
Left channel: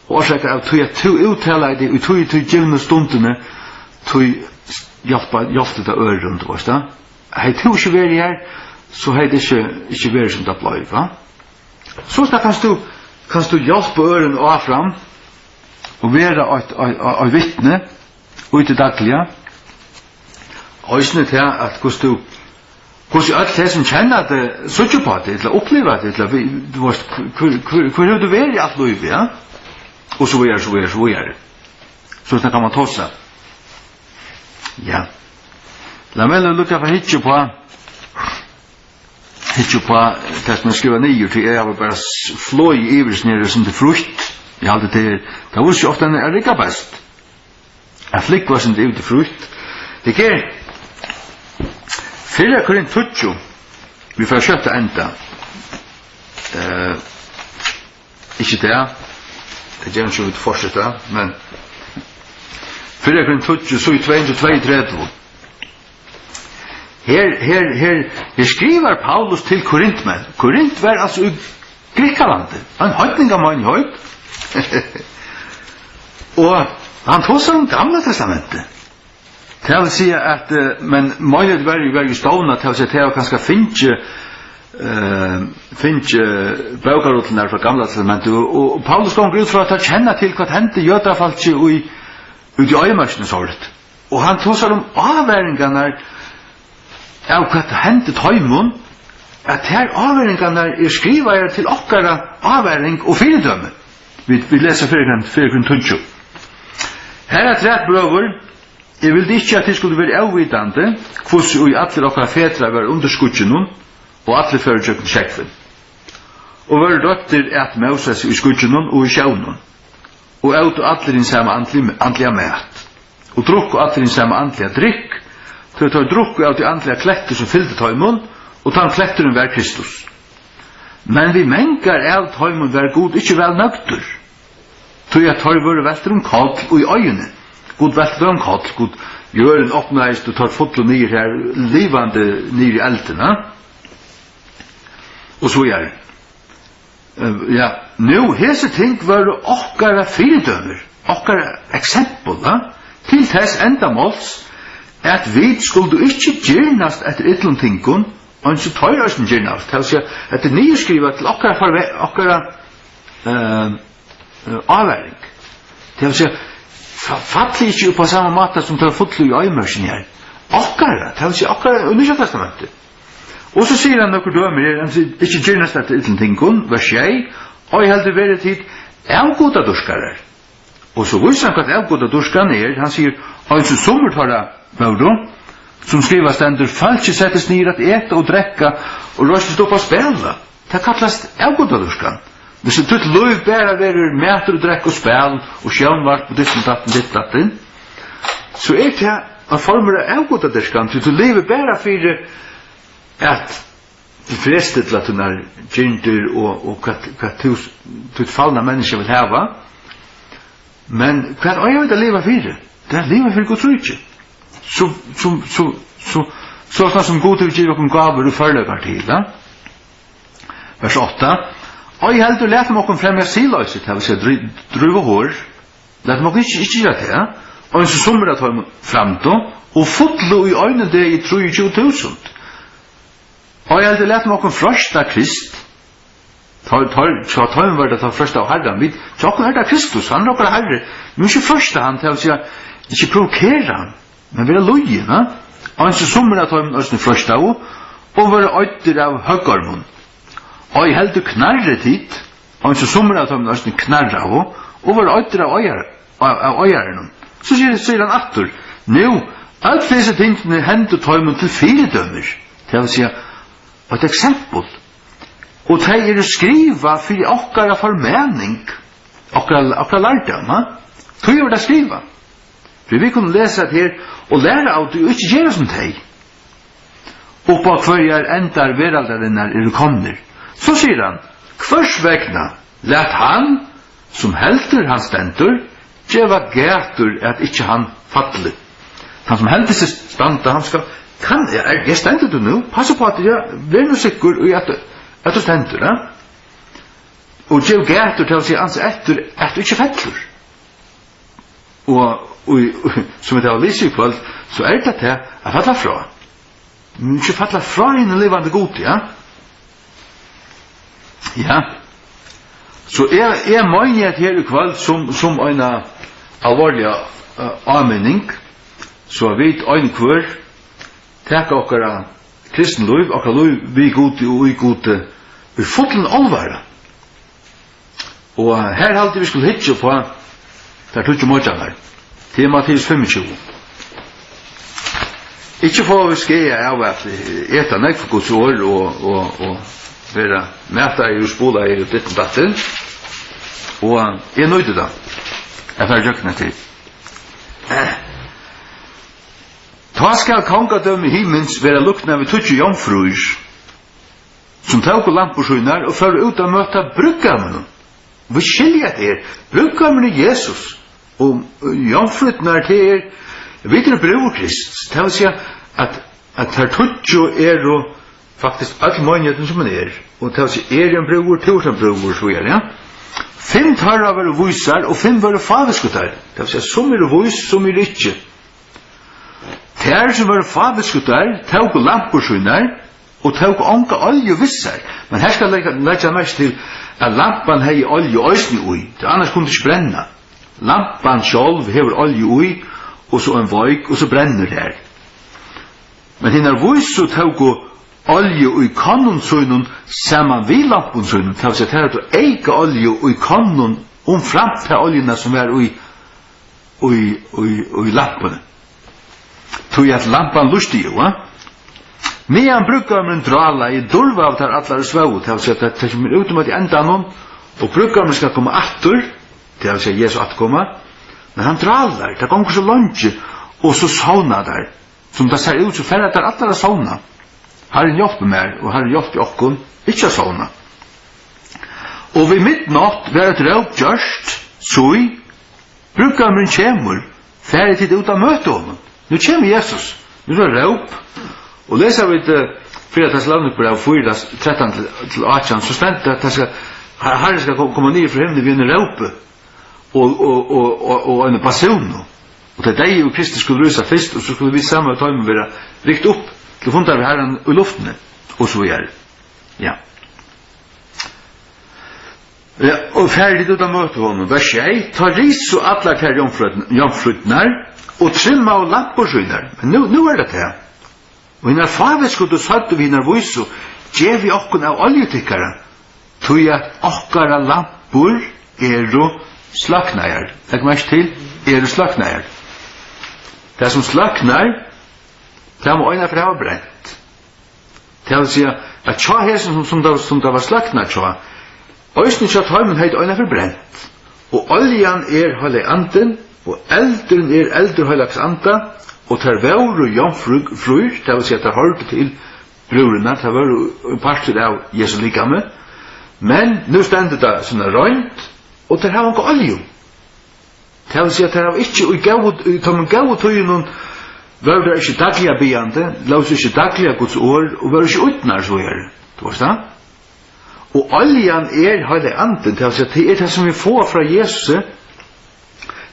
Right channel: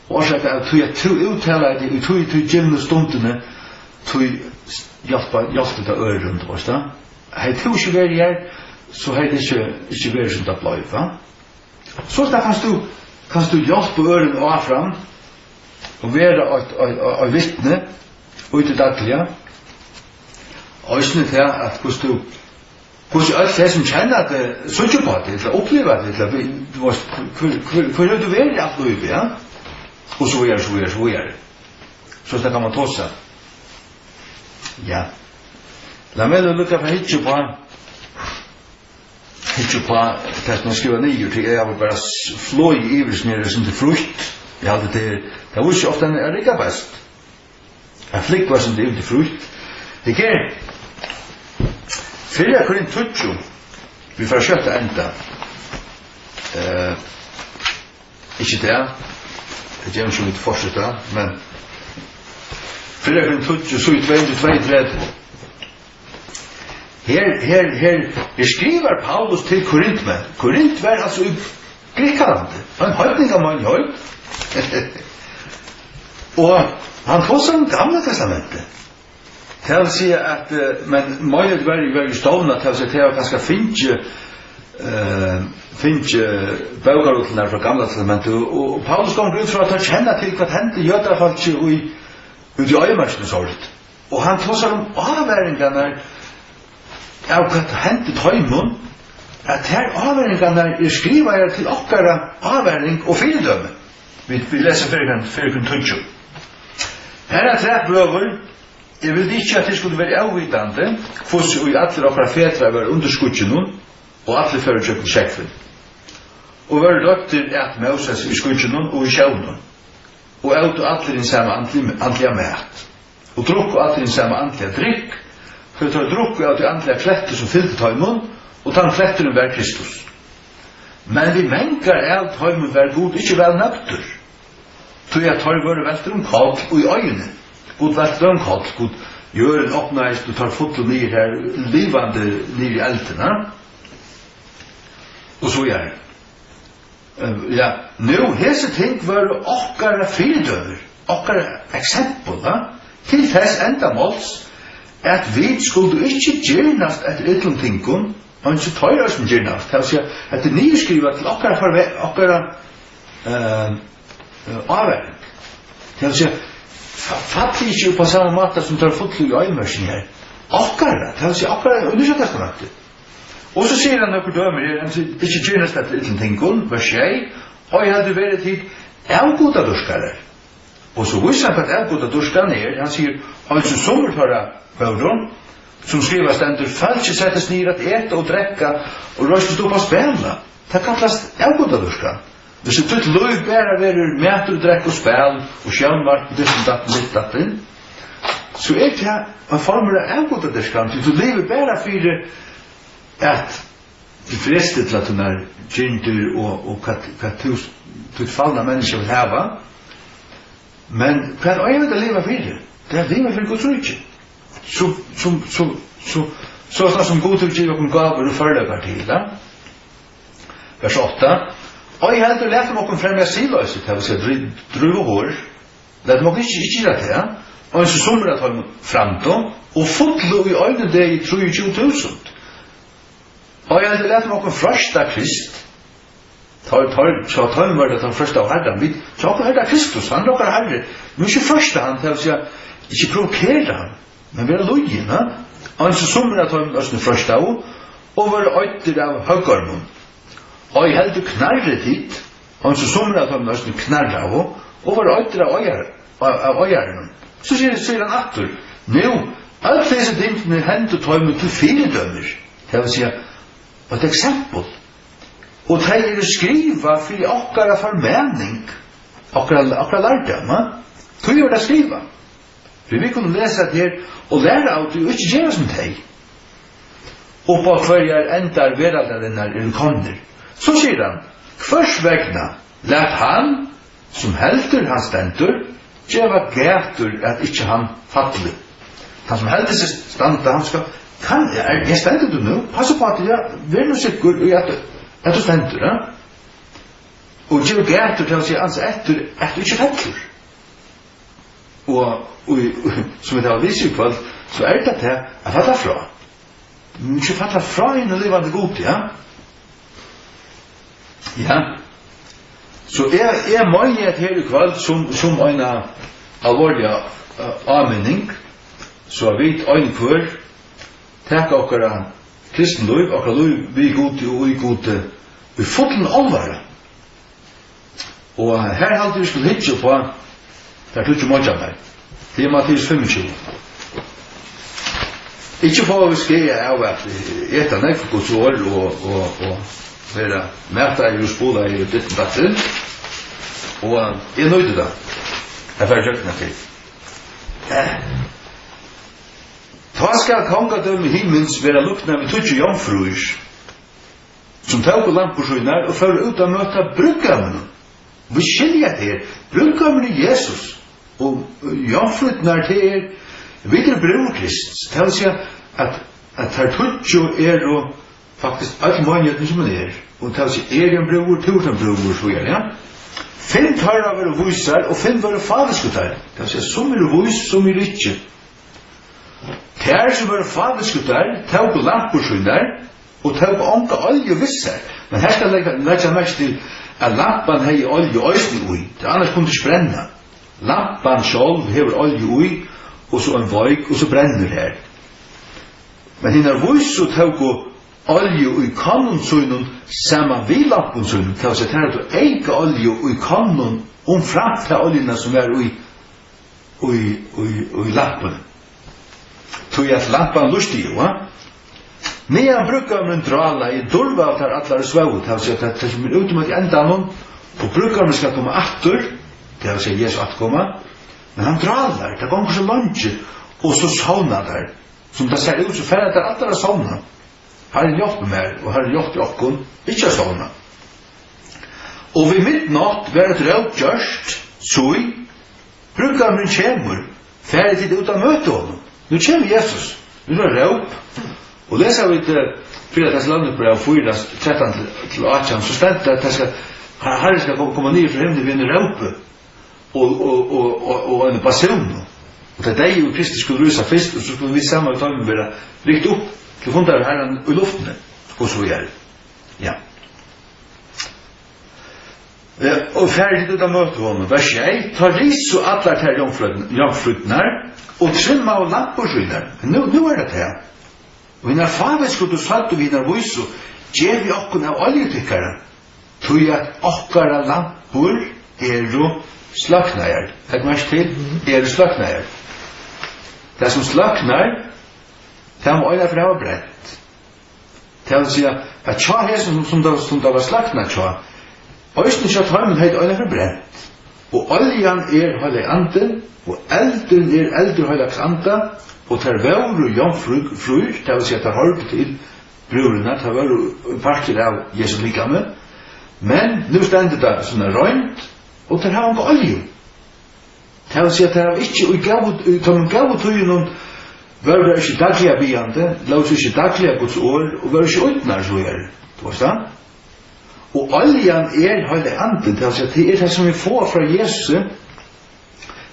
og årsaker av til at du uttaler det og tog givende stundene tog hjelpe til øren du varst da hei du ikke vært her så hei det ikke vært som det blei sånn kanst du hjelpe øren og fram og være et vittne ut i daglige øysene til at hvordan alt det som kjenner det søtter på det eller opplever det hvor er du vært i alt liv ja? Og så er det så det kan man ta seg ja la meg lukke for hitje på det som jeg skriver nye til jeg var bare flå i iversnere som det frukt ja, det var ikke ofte en rikka best. Jeg flikk var som det til frukt. Det er 4 Korint 20. Vi får kjøtte enda. Ikke det. Det gjør ikke vi til fortsette, men 4 Korint 20, så i 22-23. Her skriver Paulus til Korintmenn. Korint var altså i Grekalandet. Han høytning av mann høyt. Og han tog seg om gamle testamentet. Det vil si at men mye var jo stående til å si til å kanskje finne bøgerutene fra gamle testamentet og Paulus kom ut fra at han kjenner til hva hendte jødafalt i øyemørsene sånt og han tog seg om avværingene av hva hendte tøymon at her avværingene skriver til okkara avværing og fyrdømme. Vi leser 4 Korint 20. Her tre brøver. Jeg vil ikke at det skulle være avvitande hvordan vi alle okkara fedre var underskudgen og alle fører kjøkken kjekkfen. Og var døtter at Moses i skudgen og i sjøvnen. Og åt alle din samme andlige mat. Og drukk alle din samme andlige drikk. For å ta drukk av de andlige kletter som fyllde tøymon og ta en kletteren var Kristus. Men vi mengar av tøymon var god ikke vel nøkter. Tog jeg tar våre velter kall og i øynene. God velter kall, god gjør en oppnæst og tar fotel nir her, livande nir i eltene. Og så gjør det. Ja, nå, hese ting var okkara fyrdøver, okkara eksempel, til þess endamåls, at vi skulle ikke gjernast etter ytlom tingun, og ikke tøyra som gjernast. Det vil si at det nye skriver til okkara avværing. Det vil si, fattelig ikke på samme måte som tar fotlu i øymørsen her. Akkara, det vill säga akkara under Nya testamentet. Och så säger han några dömer, han säger, inte gärna släppte utan tingon, vers 6, och jag hade varit tid, avgoda durskarar. Och så visar han att avgoda durskan han säger, alltså sommar tar det vårdom, som skriver ständer, falske sättes ner att äta och dräcka, och rösta stå på att spela. Det kallas avgoda durskan. Hvis du tutt løy bæra verur mætur, drekk og spæl og sjøvnvart på dissin datten, så det en form av avgodaderskan, du lever bæra fyrir at du frestet til at du er gyndur og hva du fallna mennesker vil hava, men hva er det å leva fyrir? Det er leva fyrir Guds rike. Så som god til å giva om gaver og førlegar til, vers 8, og jeg heldur lett om okkur fremja siløyset, det vil si druva hår, lett om okkur ikke gjøre det, og så sommer at han framtå, og fotlo i øynene det i 23.000. Og jeg heldur lett om okkur frøsta Krist, tar var det ta frøsta av Herren, vi tar okkur Herren Kristus, han er okkur Herre, men ikke frøsta han, det vil si ikke provokere han, men vi er lojene, og så sommer at han er frøsta av, og var øyder av høggarmon. Og jeg heldur knarret hit, og så sommer at han er knarret av, og var øyder av øyeren. Så sier han atter, nå, alt disse tingene hendur tøymen til firedømmer, det vil si et eksempel, og det skriva for okkara formening, okkara lærdom, tog det skriva. For vi kunne lese det her, og lære av det, og ikke gjøre som teg. Og på hver endar veraldarinnar komner. Så sier han, hvers vegna let han, som helter han stendur, djeva gætur at ikkje han fattelig. Han som helter seg standa, han skal, jeg stendur du nu? Passa på at jeg er nu sikker i at du stendur, ja? Og djeva gætur til å si ans etter at du ikkje fattler. Og som det har vist i kvall, så det til å falla fra. Ikke falla fra inn og levande god, ja? Ja. Så jeg mener her i kvall som en alvorlig avmenning, så vi en kvør takk okkara kristen liv, okkara liv vi gode og vi gode vi fotlen alvara. Og her halte vi skulle hitje på der tog ikke måljan her til Matteus 25. Ikke få vi skreie av at eta nekk for Guds år og vera mæta i spola i ditt datten, og jeg nøyde da. Jeg får røkne til. Ta skal kongadøm i himmels vera lukna vi tutsi jomfruis, som tåg og lampursøynar og fører ut av møta bruggammen. Vi skiljer her, bruggammen er Jesus, og jomfruitnar til vi bror Krist. Det vil si at her tutsi og faktisk alt mannheten som han og det vil si en bror, tusen bror, så ja. 5 tarra var vusar, og 5 var fadeskutar. Det vil si som vus, som ikke. Ter som var fadeskutar, tåg lampursøynar, og tåg onka olje vissar. Men her skal jeg lægge mest til at lampan hei olje òsni ui, det annars kunne ikke brenna. Lampan sjálv hever olje ui, og så en voik, og så brenner her. Men hinnar vus så tåg olje i kannonsøynun saman vi lamponsøynun, det vil si at her er du eika olje i kannon fram til oljena som er i lampene. Tog at lampan lustig jo, medan bruggammen drala i dulva av der allar svau, det vil si at det kommer utom at i endanon, og bruggammen skal komme attur, det vil si at Jesus atkomma, men han dralar, det kommer så langt, og så sauna der, som det ser ut, så færre der allar sauna. Herren hjelper meg, og Herren hjelper okkun, ikke sånn. Og ved midnatt var et røp gjørst, så bruggammen kjemur, ferdig tid ut av møte honom. Nu kjemur Jesus, nu er røp, og leser vi til 4. Thessalonikerbrev 4, 13-18, så stendt at Herren skal komme ned fra himmelen ved en røpe, og en passion. Og det er deg og Kristus skulle rysa først, og så skulle vi sammen ta med være rikt opp, til fundet av Herren i luftene, og så det. Ja. Og ferdig ut av møte honom, vers 1, ta ris og atler til jomfrutnar, og trimma og lampursynner. Men nu er det det. Og innan favet skulle du satt og vinnar viso, gjev vi okkun av oljetikkaren, tog at okkara lampur slaknajar. Legg mest til, slaknajar. Det som slaknar, det må øyna for det var brent. Det vil si at tja hesen som det var slakna tja, øysten tja tøymen heit øyna for brent. Og oljan høyleg anden, og eldren eldur høylags anda, og tar veur og jomfrur, det vil si at det hørte til brurina, det var parter av Jesu likame, men nu stendet det sånne røynt, og det har ikke olje. Det vil si at det har ikke, man gav tøyen, var det ikke dagliga byande, laus ikke dagliga Guds år, og var ikke utnar så du vet det? Og oljan høylig anden, det det som vi får fra Jesus,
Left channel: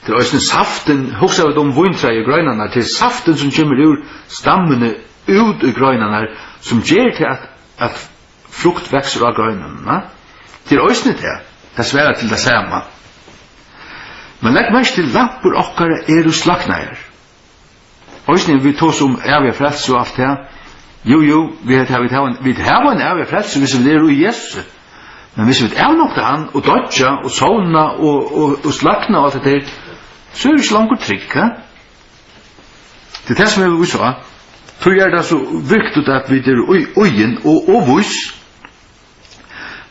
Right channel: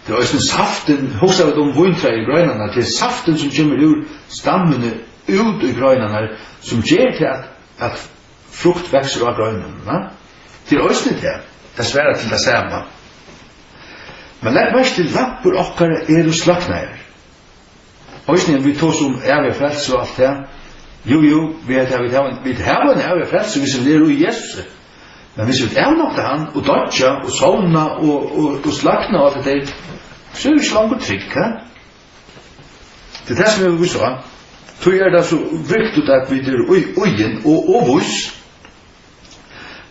det er også saften, hos av de vintræ i grøynene, det saften som kommer ur stammene ut i grøynene, som gjør til at frukt vekser av grøynene. Det er også det sværer til det samme. Men legg mest til lampur okkar slaknajar. Øysene vi tås om evig frelse og alt det. Jo, vi har en evig frelse hvis vi lever i Jesus. Men hvis vi avnokta han, og dodja, og sovna, og slakna og alt det, så er vi ikke langt trygg, Det er det som vi sa. Så er det så viktig at vi er ugen og vis.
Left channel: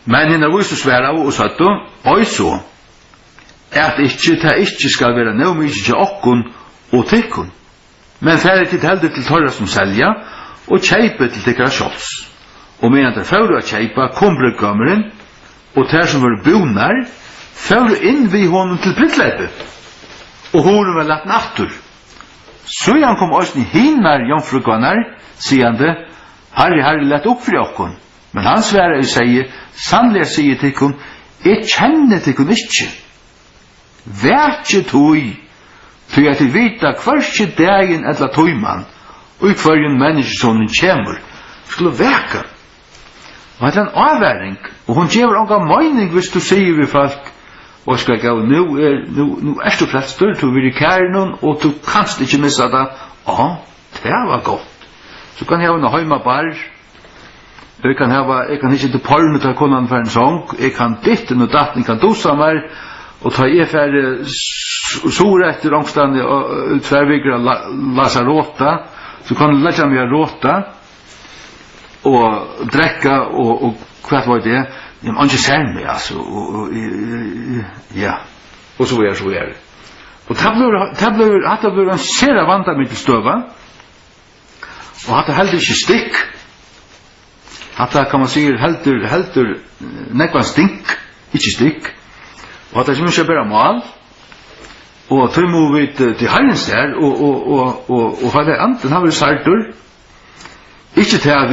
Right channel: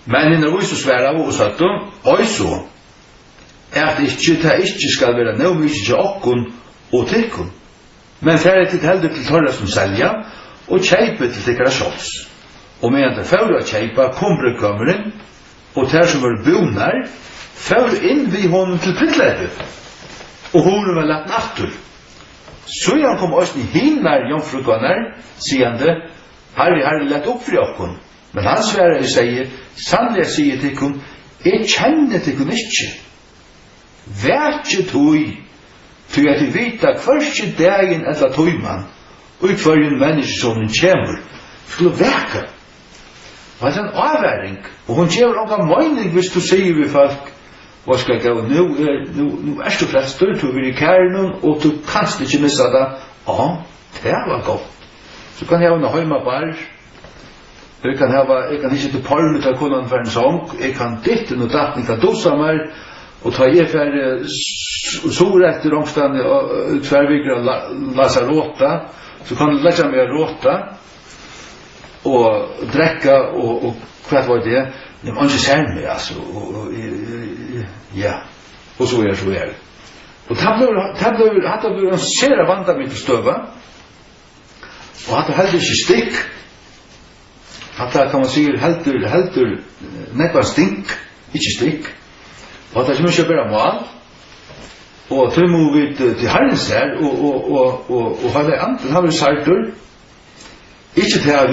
Men innan vis og sværa og satt og så, at det ikke skal være nødvendig til okkun og tikkun. Men færre til heldur til torra som selja, og kjeipe til tikkara sjåls. Og medan det færre å kjeipa, kom brukkommeren, og ter som var bunar, færre inn vi honom til prittleipet. Og honom var lagt nattur. Så han kom oss i hinnar jomfrukvannar, sigande, Harri, lett opp fri okkon. Men han sværa i seg, sannlega sier tikkun, jeg kjenner tikkun ikkje. Vætje tui, tog at vita hverskje dagen etla tøyman, og i hverjen menneskesonen kjemur, skulle veka. Og det er en avværing, og hun gjør onga møyning hvis du sier vi folk, og skal gå, nu er du flestur, du vil i kærnun, og du kanst ikke missa det. Ja, det var godt. Så kan jeg ha en heimabar, jeg kan ikke til porno ta konan for en sång, jeg kan ditten og datten, jeg kan dosa meg, og ta jeg for sore etter omstande og tverrvigra lasa råta, så kan du lesa meg råta og drekka og hva var det? Man ikke ser meg, altså, ja, og så er det. Og det blir en sere vanda med til støva, og det heldur ikke stikk, det kan man sikkert heldur nekva stink, ikke stikk, og det er ikke bare mal, og tøy må vi til herrens her, og hva det anten har vi sartur, ikke til at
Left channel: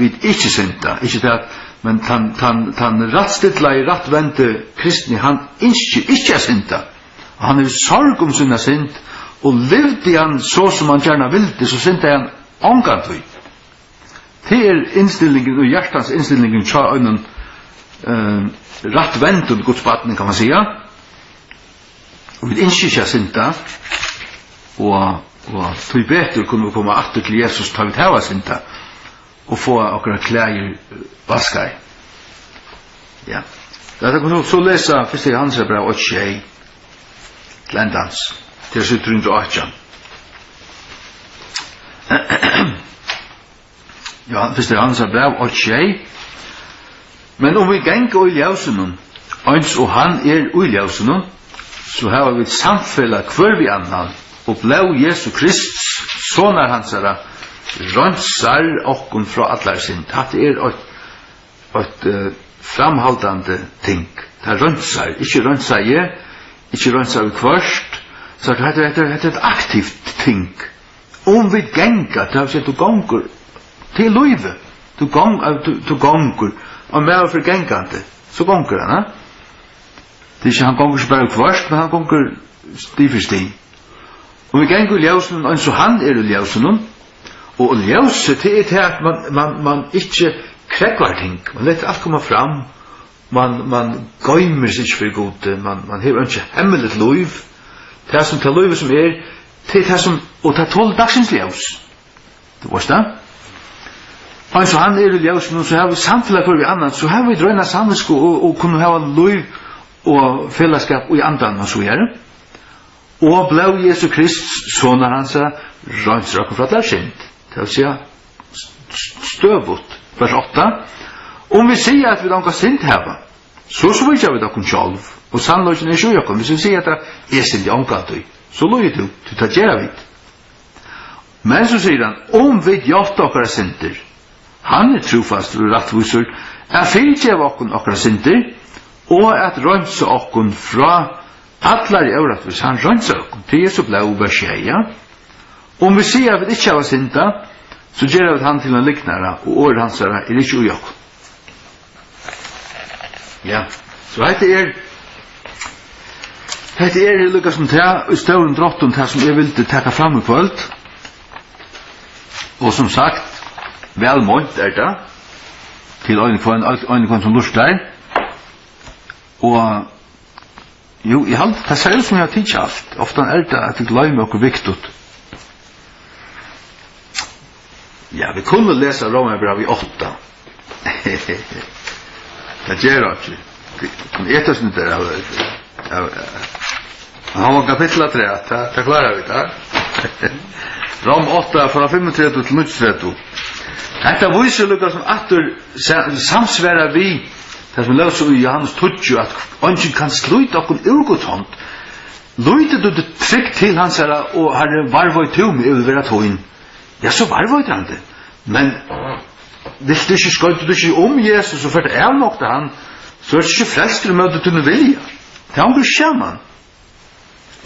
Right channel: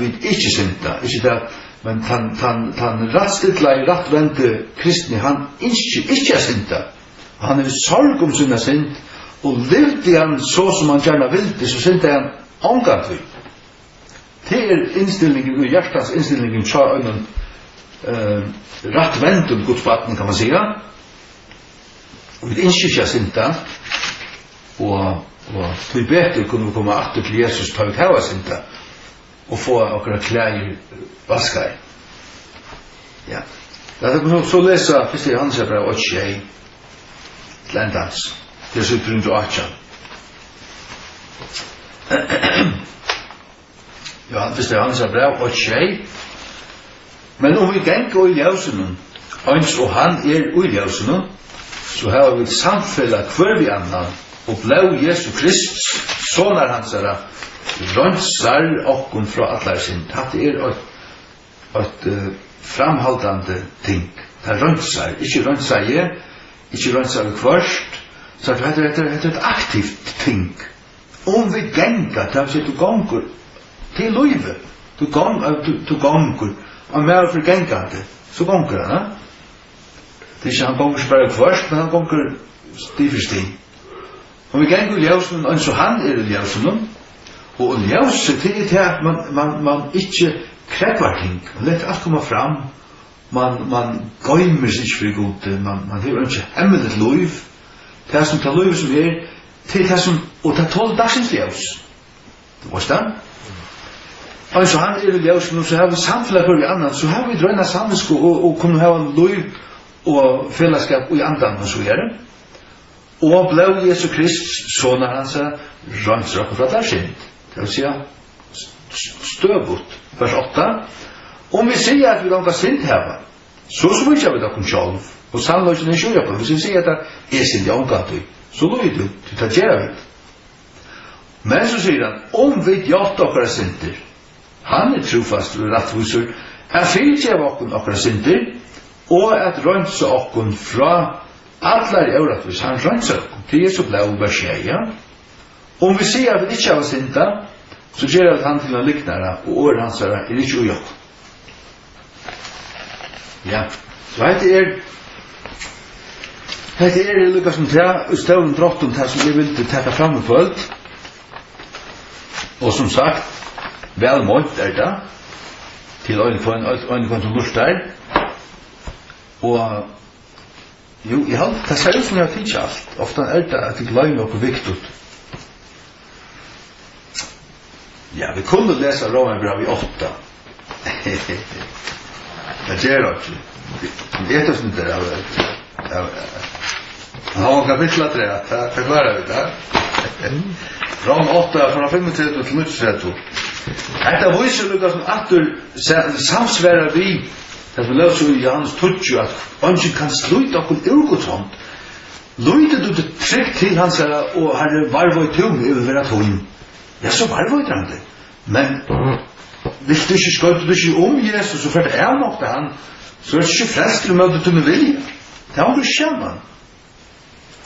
vi ikke synda, ikke til at, men han rattstidla i rattvente kristni, han ikke er synda, han er sorg om sinna synd, og levde han så som han gjerne vilde, så synda han ångat. Det er innstillingen og hjertans innstillingen tja øynen rattvendun godsbaten, kan man säga. Og vi innskylder synda, og tog betur kunne vi komme atter til Jesus, ta vi tæva synda, og få okra klæger vaskar. Ja. Det er så lesa første Johannes brev 8 til endans, til 708. Første Johannes brev 8. Men om vi gengar i ljausen, eins og han i ljausen, så har vi samfella hver vi annan, og blau Jesu Krist, sonar hansara, rønsar okkun fra allar sin. Det et framhaldande ting. Det rønsar, ikke rønsar jeg, ikke rønsar vi kvørst, så det er et aktivt ting. Om vi gengar, det vil si du gongur til løyve, du gongur, og med for gengande, så gongur han, Det er ikke han gongur ikke bare kvørst, men han gongur sti for sti. Og vi gengur i ljausen, og så han i ljausen, og ljauset det er til at man ikke krekvar ting, man leter alt komme fram, man gøymer seg ikke for gode, man hever ikke hemmeligt liv, Det som til livet som til det som, og det tål dagsens ljus. Det var det. Og så han i ljus, så har vi samfunnet for vi annan, så har vi drøyna sammensko og kunne ha en liv og fellesskap i andan og så gjøre. Og blev Jesu Krist, sånne hans røynsraken fra der synd. Det vil si støvut, vers 8. Om vi sier at vi langar synd heva, så svirker vi dere sjálv, og sannløysen er sjøjakken. Hvis vi sier at det er synd i omgatøy, så løy du, du tar gjerra vidt. Men så sier han, om vi gjort okkara synder, han er trofast og rettviser, fylgjev okkara synder, og at røynsa okkun fra allar i øvratvis, han røynsa okkun, til Jesu blau vers 6. Om vi sier at vi ikke har synda, så gjør vi han til en liknare, og år hans er ikke ujokk. Ja, så hette lukka som støvlen drottun til som jeg vil teka fram i kvöld. Og som sagt, vel målt det, til øyne som lustar. Og jo, jeg halde, det ser ut som jeg har tidsi alt. Ofta det at jeg gløymer okkur viktigt. Ja, vi kunne lesa Romerbrevet i 8. Det gjør det ikke. Det er sånn der han var kapitlet 3, det klarer vi det. Rom 8, fra 35 til 30. Dette viser lukka som atur samsværa vi, det som løs i Johannes 20, at ønsken kan sluta okkur urgåtthånd. Løyde du det trygg til hans herre, og herre varvøy tum i over at hun. Ja, så varvøy han det. Men vil du ikke skøyte du ikke om Jesus, og for det er nok til han, så er det ikke frelst til å møte til noe vilja. Det har du skjermen.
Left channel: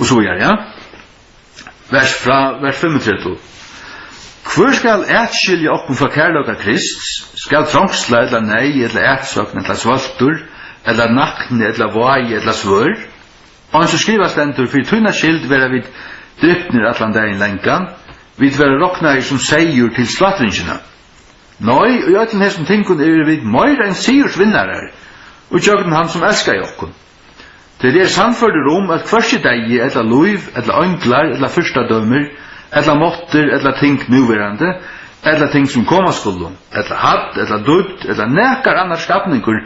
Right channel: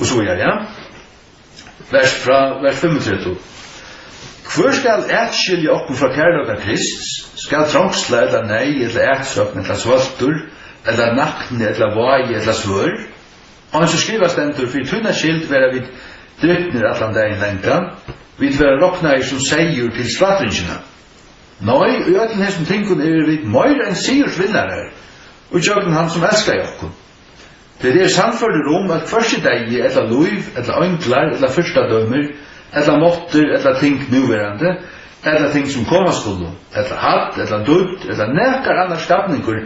Og så gjør ja. Vers 35. Hvor skal etskilje oppen fra kærløk av Krist? Skal trongsla, eller nei, eller etsvøkne, eller svøltur, eller nakne, eller vai, eller svør? Og så skriver stendur, for tunna skild være vid drypner atlandein lengan, vil være rokna som seier til slatringina. Nei, og i ætlen hesson tingun vi meira enn sigursvinnare, og tjøkken han som elskar jokkun. Det er sannførder at hversi deg, eller luiv, eller ønglar, eller fyrstadømer, eller måtter, eller ting nuverande, eller ting som koma skuldu, eller hatt, eller dudd, eller nekar annar skapningur,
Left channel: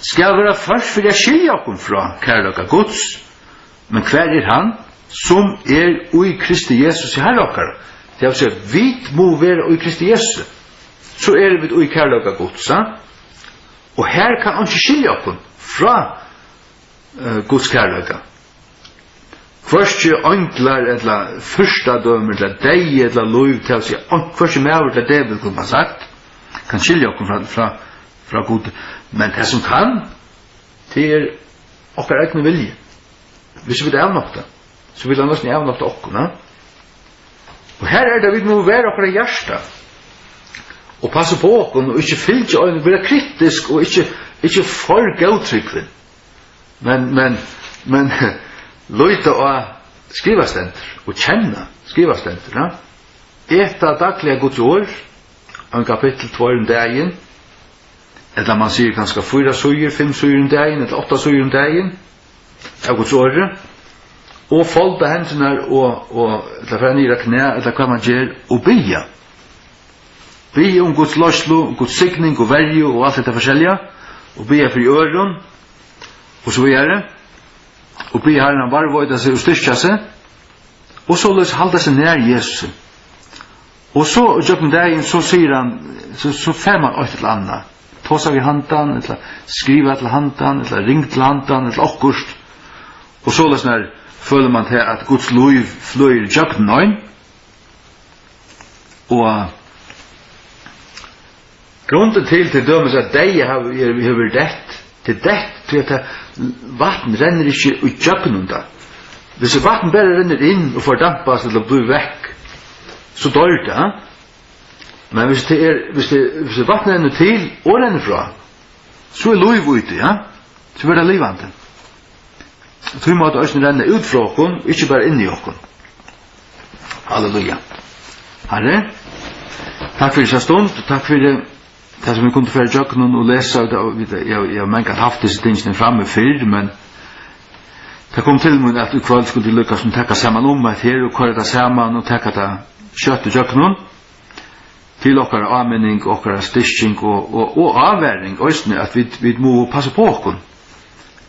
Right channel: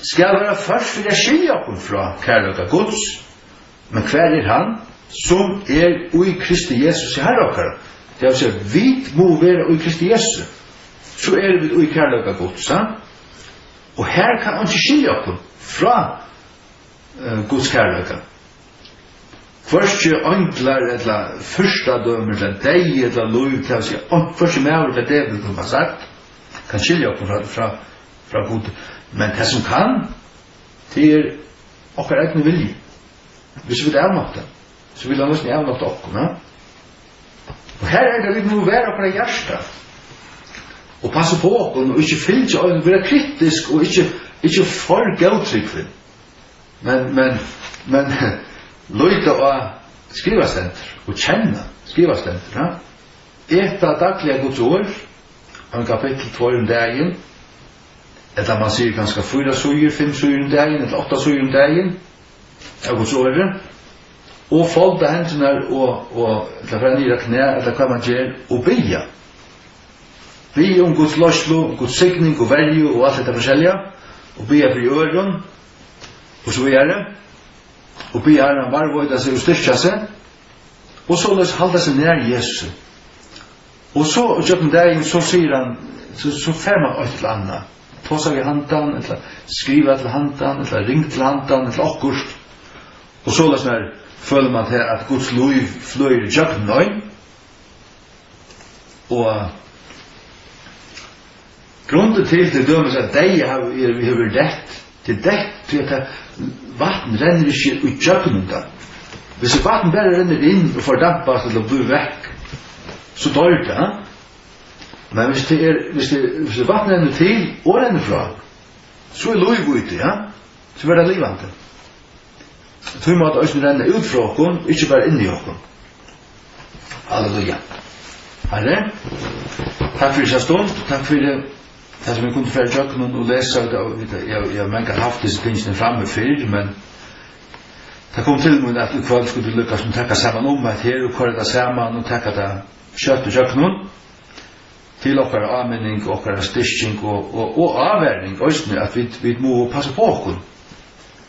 skal være først for jeg skilja okkun fra kærløka Guds. Men hver er han som ui Kristi Jesus i herre okkar? Det vil si, vi må være ui Kristi Jesus. Så vi ui kærløka Guds. Og her kan han ikke skilja okkun fra Guds kærløka. Hversi ønglar, eller fyrstadømer, eller deg, eller lov, til å si, hversi mever, eller det vil kunne ha sagt, kan skilja okkun fra Gud. Men det som kan, til okkar egne vilje. Hvis vi vil avnokta, så vil han nesten avnokta okkun. Og her det vi må være okkar hjärsta, og passe på okkun, og ikke fylgja okkun, være kritisk, og ikke for gautrykvin. Men løyta og skrivastender, og kjenne skrivastender. Eta daglige Guds år, en kapittel 2 om dagen, eller man sier kanskje 4 søyer, 5 søyer om dagen, eller 8 søyer om dagen, av Guds åre, og folda hendene og eller fra nyra knæ, eller hva man gjør, og bya. Bya om Guds løslo, Guds signing og verje og alt dette forskjellige, og bya fri øren, og så videre, og bya her han varvøyda seg og styrkja seg, og så løs halda seg nær Jesus. Og så, og jøkken dagen, så sier han, så fer man ut til anna, tåsa vi handan, eller skriva til handan, eller ring til handan, eller okkurst, og så løs når føler man til at Guds liv fløyer i jøkken nøyn, og grunnen til dømes at deg har vært dett, til at vatten renner ikke i jøkken da. Hvis vatten bare renner inn og fordampas eller blir vekk, så dør det, men hvis vatten renner til og renner fra, så liv ute, så blir det livande. Så vi måtte også renne ut fra okken, ikke bare inn i okken. Halleluja. Herre, takk for disse stund, takk for det som vi kunne føre jøkken og lese, jeg har mange haft disse tingene fremme før, men Det kom til mig at ikväll skulle lyckas med täcka samman att här och köra det samman och täcka det kött och jöknon till okkar användning och okkar stitching och avvärjning just att vi må passa på oss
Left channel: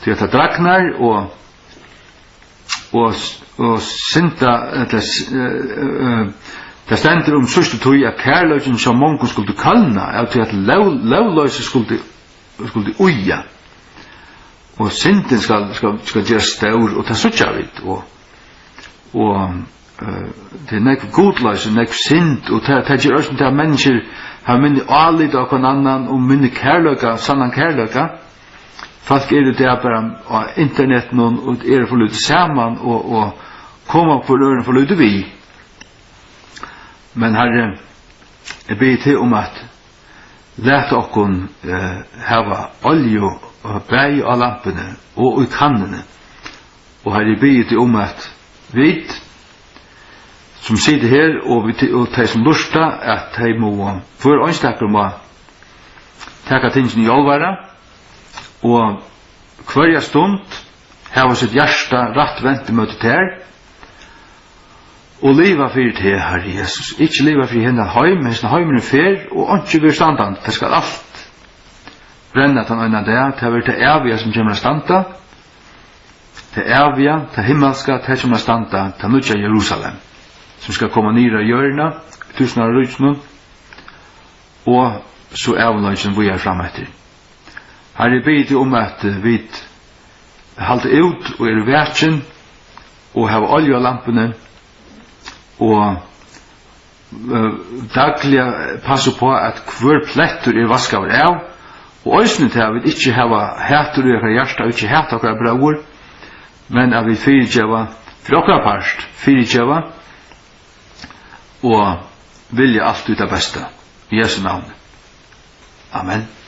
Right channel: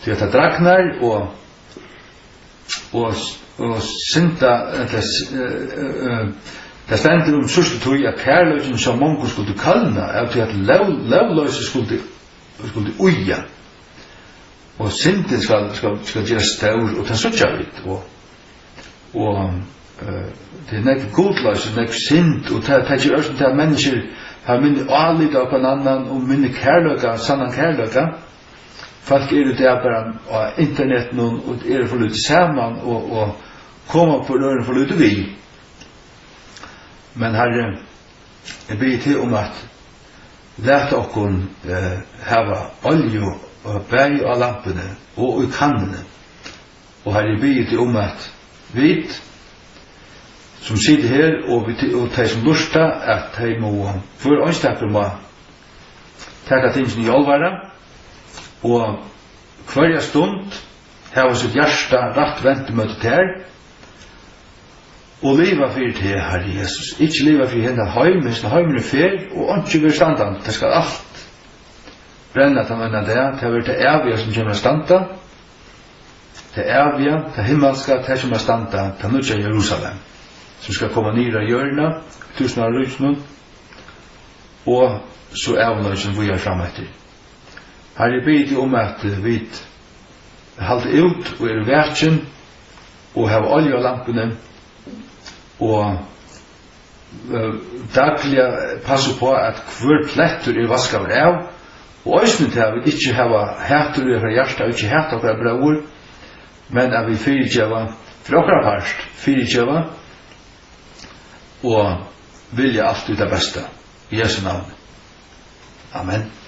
till att dragnar och synta det ständer sørste tog at kærløysen som mongo skulle kallna av til at lovløysen skulle uja og synden skal gjøre staur og ta suttja vidt og det nek godløysen, nek synd og det gjør også til at mennesker har minni alit av hver annan og minni kærløyka, sannan kærløyka folk det bare av internetten og for lytte saman og koma på røren for lytte vi. Men Herre, jeg ber til at lete okkon hava olje og bæg av lampene og i kannene. Og Herre, jeg ber til at vi som sitter her og de som lusta at de må for ønstakker må teka tingene i alvara og hver stund hava sitt hjärsta rett ventemøte til her og leva fyrir til Herre Jesus. Ikke leva fyrir henne heim, henne heimen fer, og ikke går standan. Det skal alt brenna til henne der, til å være til evige som kommer standa, til evige, til himmelska, til som standa, til nødja Jerusalem, som skal komme nere i hjørna, tusen av rysene, og så evnøysen vi fram etter. Herre, jeg ber at vi halter ut og verken, og har olje av lampene, og daglig passe på at hver plettur vaskaver av og òsne til at vi ikke hava hætur i okkar hjärsta og ikke hæt okkar braur men at vi fyrirgjeva for okkar parst fyrirgjeva og vilja alt ut av besta i Jesu navn. Amen.